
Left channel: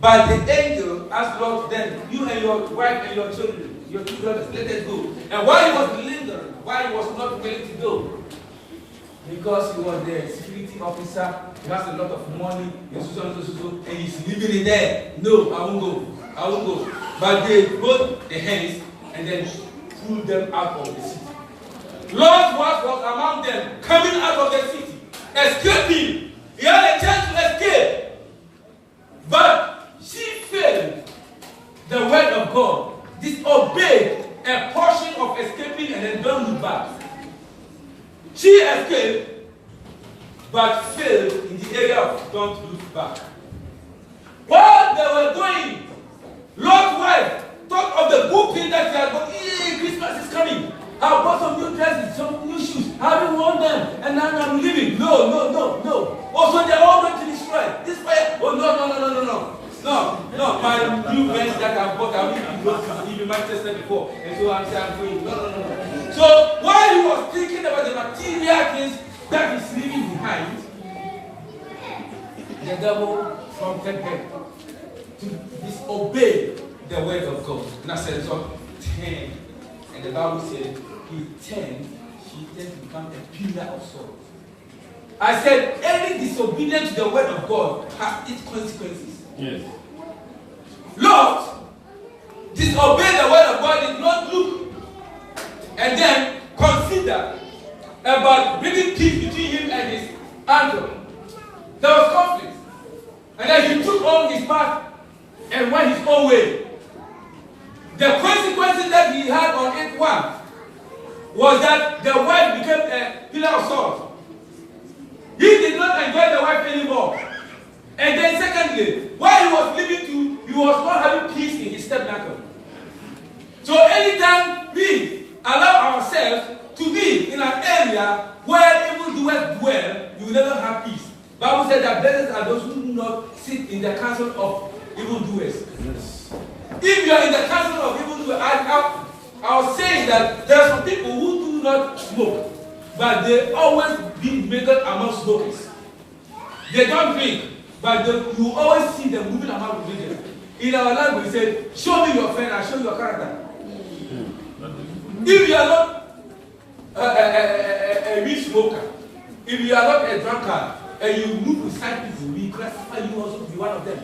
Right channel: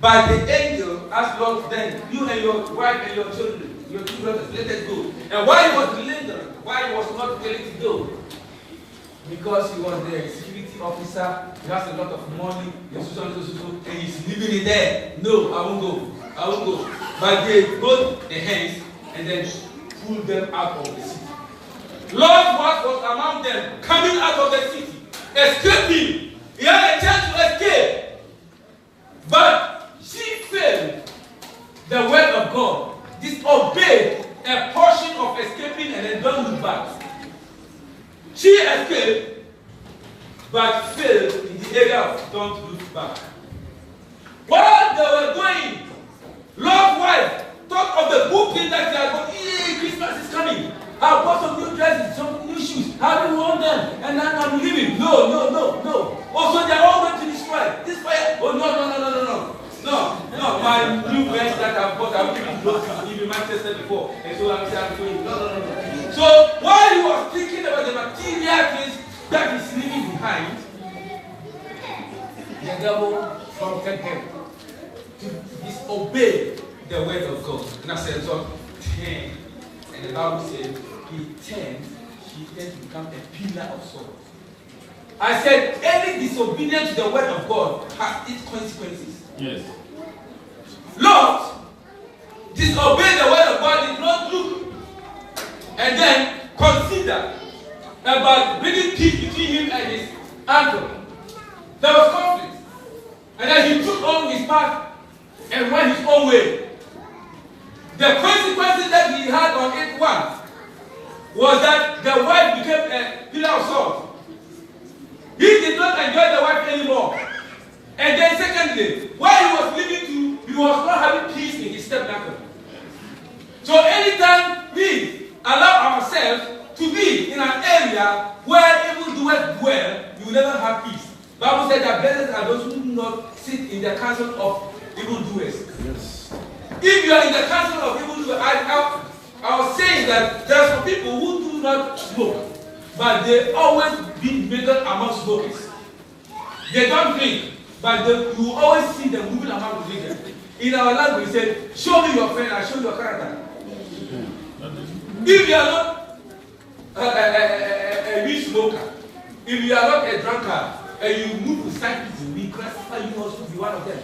But the angel asked Lot, "Then you and your wife and your children, your two brothers, let us go." And why he was lingering, why he was not willing to go? Because he was the security officer, he has a lot of money, and he's living in there. No, I won't go. But they hold the hands and then pull them out of the city. Lord's wife was among them, coming out of the city, escaping. He had a chance to escape. But she failed the word of God, disobeyed a portion of escaping, and then don't look back. She escaped, but failed in the area of don't look back. While they were going, Lord's wife thought of the good things that they are going. Hey, Christmas is coming. I bought some new dresses, some new shoes. I haven't worn them, and now I'm leaving. No. Also, they are all going to destroy this fire. Oh no. My new vest that I bought, I will be in Manchester before, and so I'm going. No. So while he was thinking about the material things that he's leaving behind, the devil prompted him to disobey the word of God. And I said, so 10. And the Bible said, she turned to become a pillar of salt. I said, any disobedience to the word of God has its consequences. Yes. Lot disobeyed the word of God, did not look, and then consider about bringing peace between him and his uncle. There was conflict. And then he took on his path and went his own way. The consequences that he had on it, one, was that the wife became a pillar of salt. He did not enjoy the wife anymore. And then secondly, while he was living too, he was not having peace in his tabernacle. So anytime we allow ourselves to be in an area where evildoers dwell, you will never have peace. The Bible said that blessed are those who do not sit in the council of evildoers. Yes. If you are in the council of evildoers, I was saying that there are some people who do not smoke, but they always be mingled among smokers. They don't drink, but you always see them moving among the drinkers. In our language, we say, "Show me your friend, I'll show you your character." If you are not a weed smoker, if you are not a drunkard, and you move with side people, we classify you also to be one of them.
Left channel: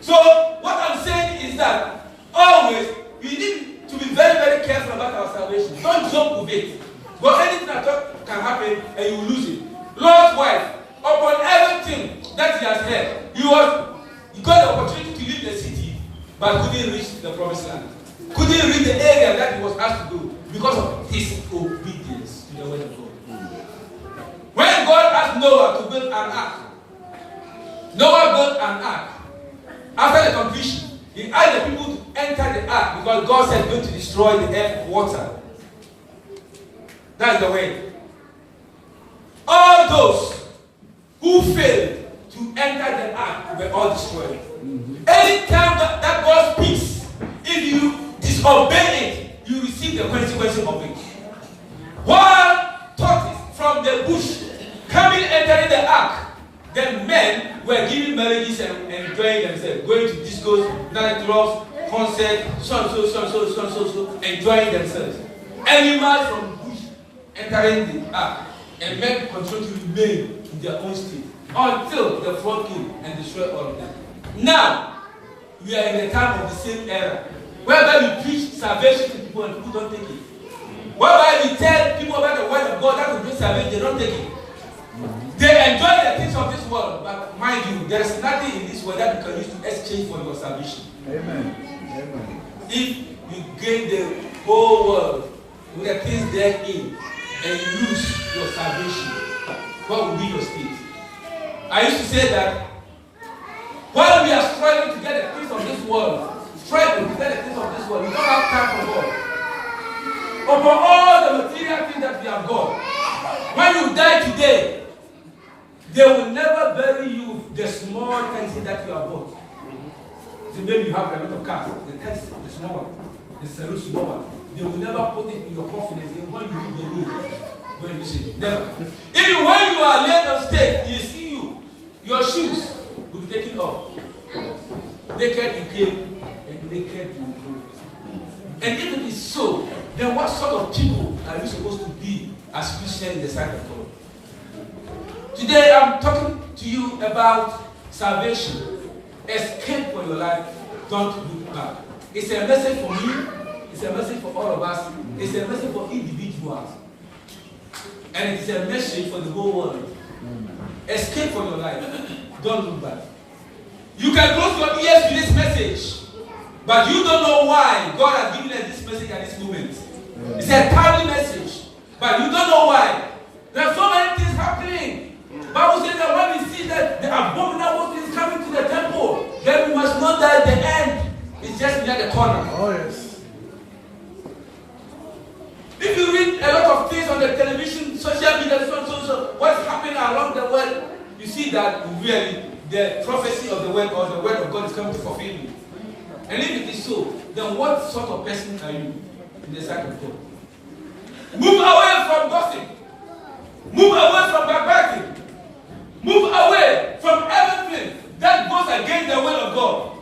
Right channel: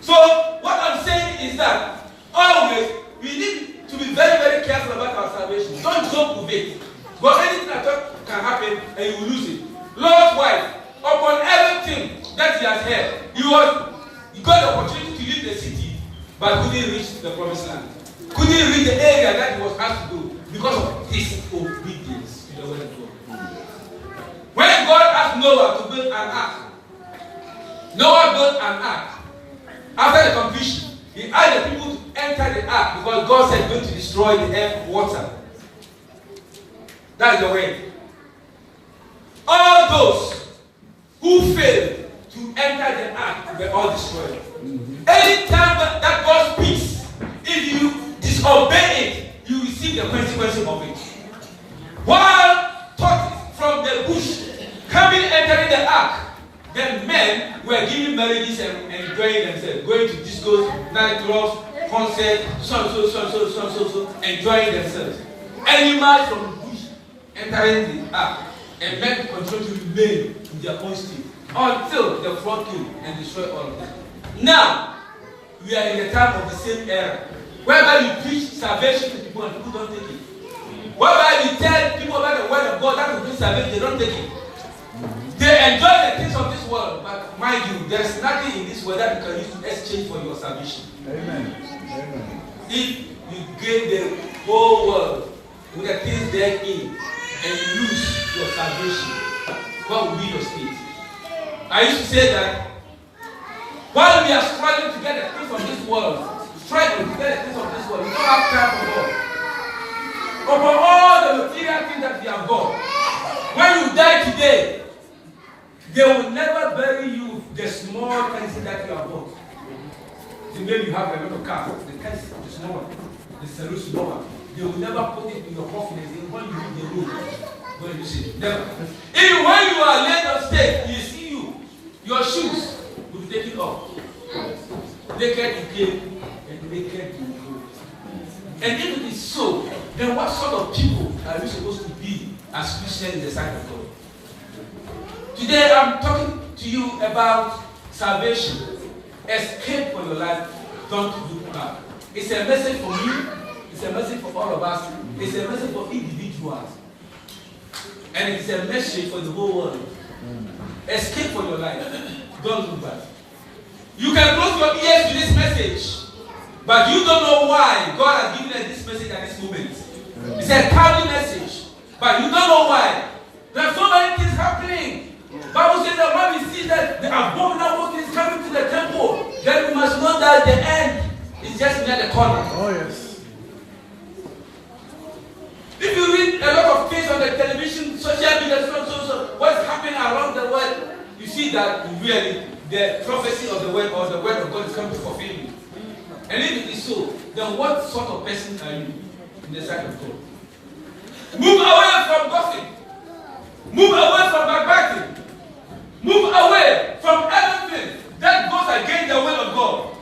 So, what I'm saying is that always we need to be very, very careful about our salvation. Don't joke with it. Because anything that can happen and you will lose it. Lord's wife, upon everything that he has heard, he got the opportunity to leave the city, but couldn't reach the promised land. Couldn't reach the area that he was asked to go because of his obedience to the word of God. When God asked Noah to build an ark, Noah built an ark. After the completion, he asked the people to enter the ark because God said going to destroy the earth water. That's the way. All those who failed to enter the ark were all destroyed. Anytime that God speaks, if you disobey it, you receive the consequences of it. While tortoise from the bush coming entering the ark, the men were giving marriages and enjoying themselves, going to discos, nightclubs, concerts, so, enjoying themselves. Animals from the bush entering the ark, and men continue to remain in their own state until the flood came and destroyed all of them. Now, we are in the time of the same era, whereby you preach salvation to people and people don't take it. Whereby you tell people about the word of God that will bring salvation, they don't take it. They enjoy the things of this world, but mind you, there is nothing in this world that you can use to exchange for your salvation. Amen. Amen. If you gain the whole world with the things therein and you lose your salvation, what will be your state? I used to say that while we are struggling to get the things of this world, struggling to get the things of this world, we don't have time for God. Over all the material things that we have got, when you die today, they will never bury you with the small things that you have bought. So maybe you have a lot of cars, the things, the small one, the Ceru small one. They will never put it in your coffin and when you leave the room. When you see never. Even when you are late on stage, you see your shoes will be taken off. Naked you came and naked you go. And if it is so, then what sort of people are we supposed to be as Christians in the sight of God? Today I'm talking to you about salvation. Escape for your life. Don't look back. It's a message for me. It's a message for all of us. It's a message for individuals. And it's a message for the whole world. Escape for your life. Don't look back. You can close your ears to this message, but you don't know why God has given us this message at this moment. It's a timely message, but you don't know why. There are so many things happening. Bible says that when we see that the abominable things coming to the temple, then we must know that the end is just near the corner. Oh yes. If you read a lot of things on the television, social media, so what's happening around the world, you see that really the prophecy of the word or the word of God is coming to fulfill you. And if it is so, then what sort of person are you in the sight of God? Move away from gossip. Move away from backbiting. Move away from everything that goes against the will of God.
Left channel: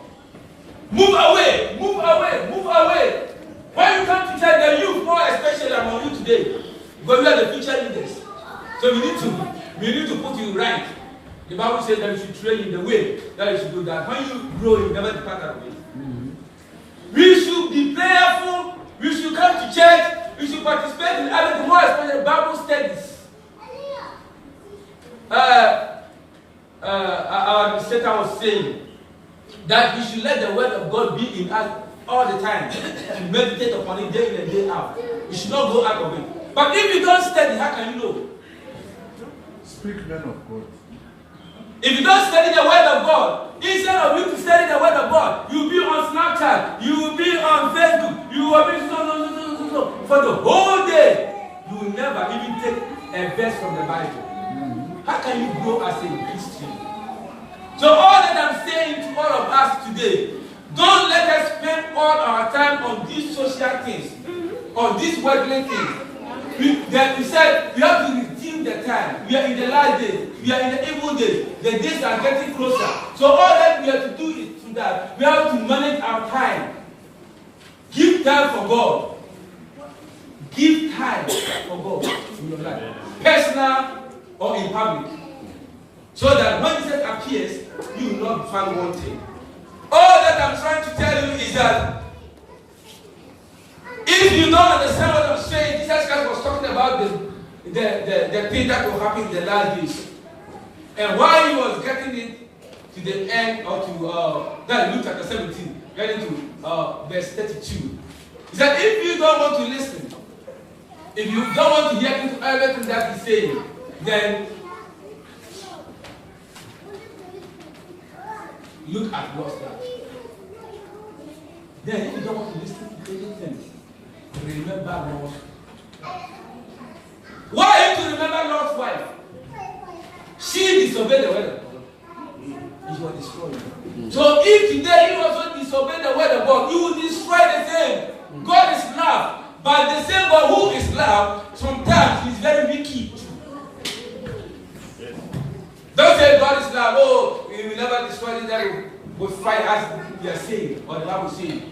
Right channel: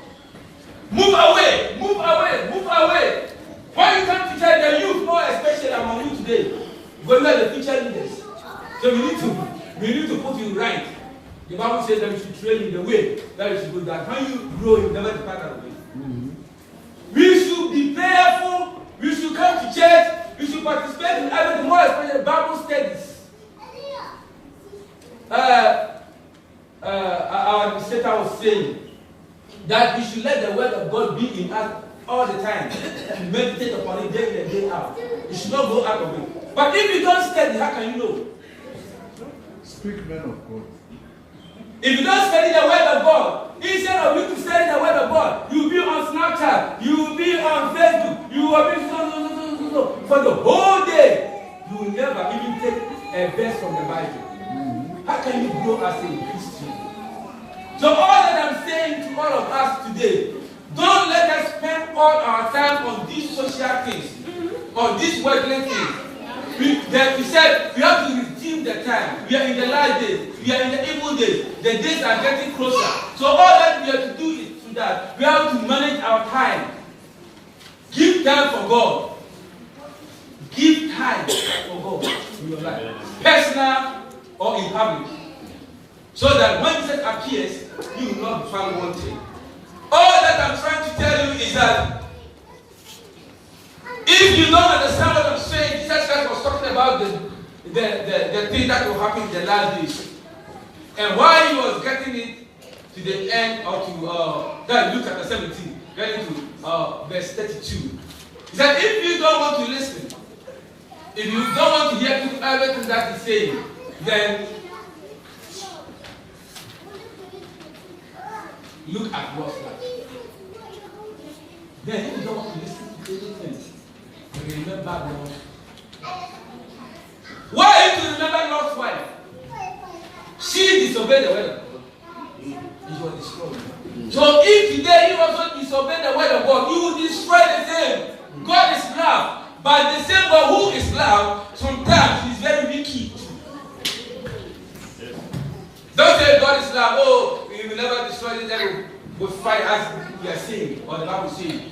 Move away, move away, move away. When you come to church, the youth, more especially among you today, because we are the future leaders. So we need to put you right. The Bible says that you should train in the way that you should go, that when you grow, you never depart that way. We should be prayerful. We should come to church. We should participate in everything, more especially Bible studies. Our administrator was saying that we should let the word of God be in us all the time and meditate upon it day in and day out. You should not go out of it. But if you don't study, how can you know? Speak men of God. If you don't study the word of God, instead of you to study the word of God, you'll be on Snapchat, you will be on Facebook, you will be so. For the whole day, you will never even take a verse from the Bible. How can you grow as a Christian? So all that I'm saying to all of us today, don't let us spend all our time on these social things, on these worldly things. We said we have to redeem the time. We are in the last days. We are in the evil days. The days are getting closer. So all that we have to do is to that. We have to manage our time. Give time for God. Give time for God in your life. Personal or in public. So that when Jesus appears, you will not be found wanting. All that I'm trying to tell you is that if you don't understand what I'm saying, Jesus Christ was talking about the thing that will happen in the last days. And while he was getting it to the end or to Luke chapter 17, getting to verse 32, he said, if you don't want to listen, if you don't want to hear everything that he's saying, then look at Lot's life. Then if you don't want to listen to anything, remember Lord. Why you to remember Lord's wife? She disobeyed the word of God. And you are destroyed. So if today you also disobey the word of God, you will destroy the same. God is love. But the same God who is love, sometimes he's very wicked. Don't say God is love. Oh, we will never destroy this. We'll fight as we are saying, or the Bible says.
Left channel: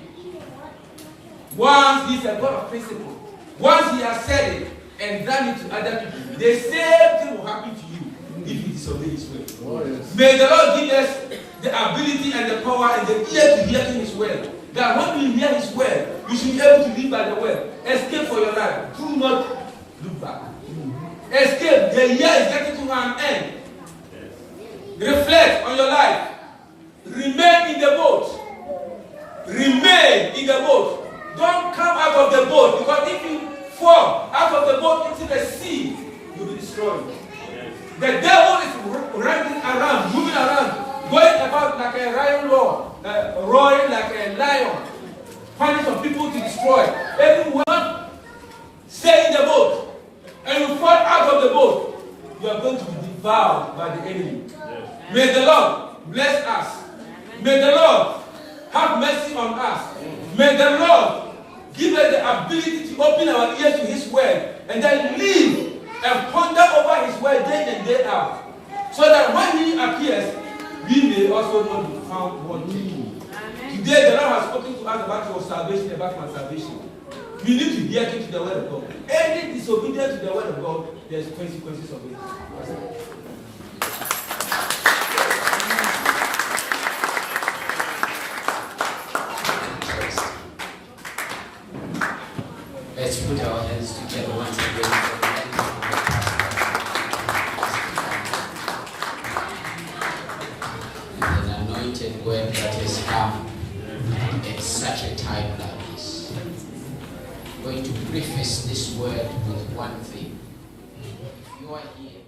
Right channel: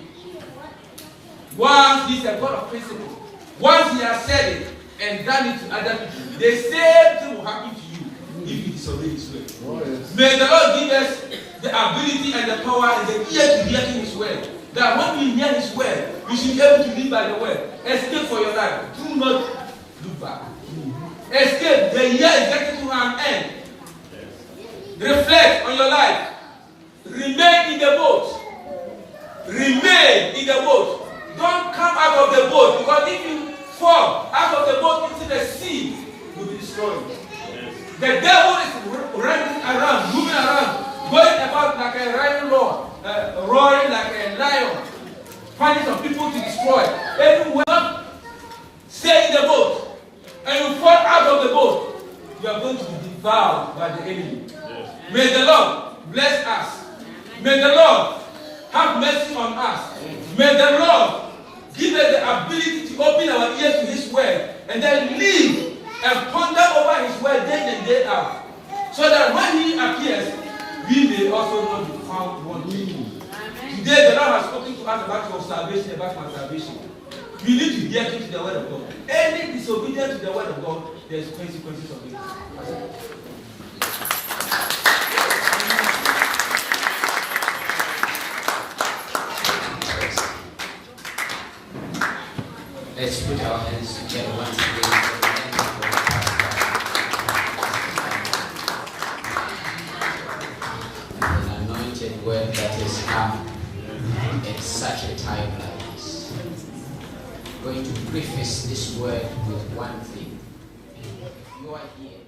Once he's a God of principle, once he has said it and done it to other people, the same thing will happen to you if you disobey his word. Oh, yes. May the Lord give us the ability and the power and the ear to hear his word. That when we hear his word, we should be able to live by the word. Escape for your life. Do not look back. Escape. The year is getting to an end. Reflect on your life. Remain in the boat. Remain in the boat. Don't come out of the boat, because if you fall out of the boat into the sea, you'll be destroyed. The devil is running around, moving around, going about like a lion roaring like a lion, finding some people to destroy. Everyone stay in the boat, and you fall out of the boat, you are going to be devoured by the enemy. Yes. May the Lord bless us. May the Lord have mercy on us. May the Lord give us the ability to open our ears to his word and then live and ponder over his word day in and day out. So that when he appears, we may also not be found wanting. Today the Lord has spoken to us about your salvation, about my salvation. We need to hear to the word of God. Any disobedience to the word of God, there's consequences of it. Let's put our hands together once again. An anointed word that has come at such a time like this. I'm going to preface this word with one thing. If you are here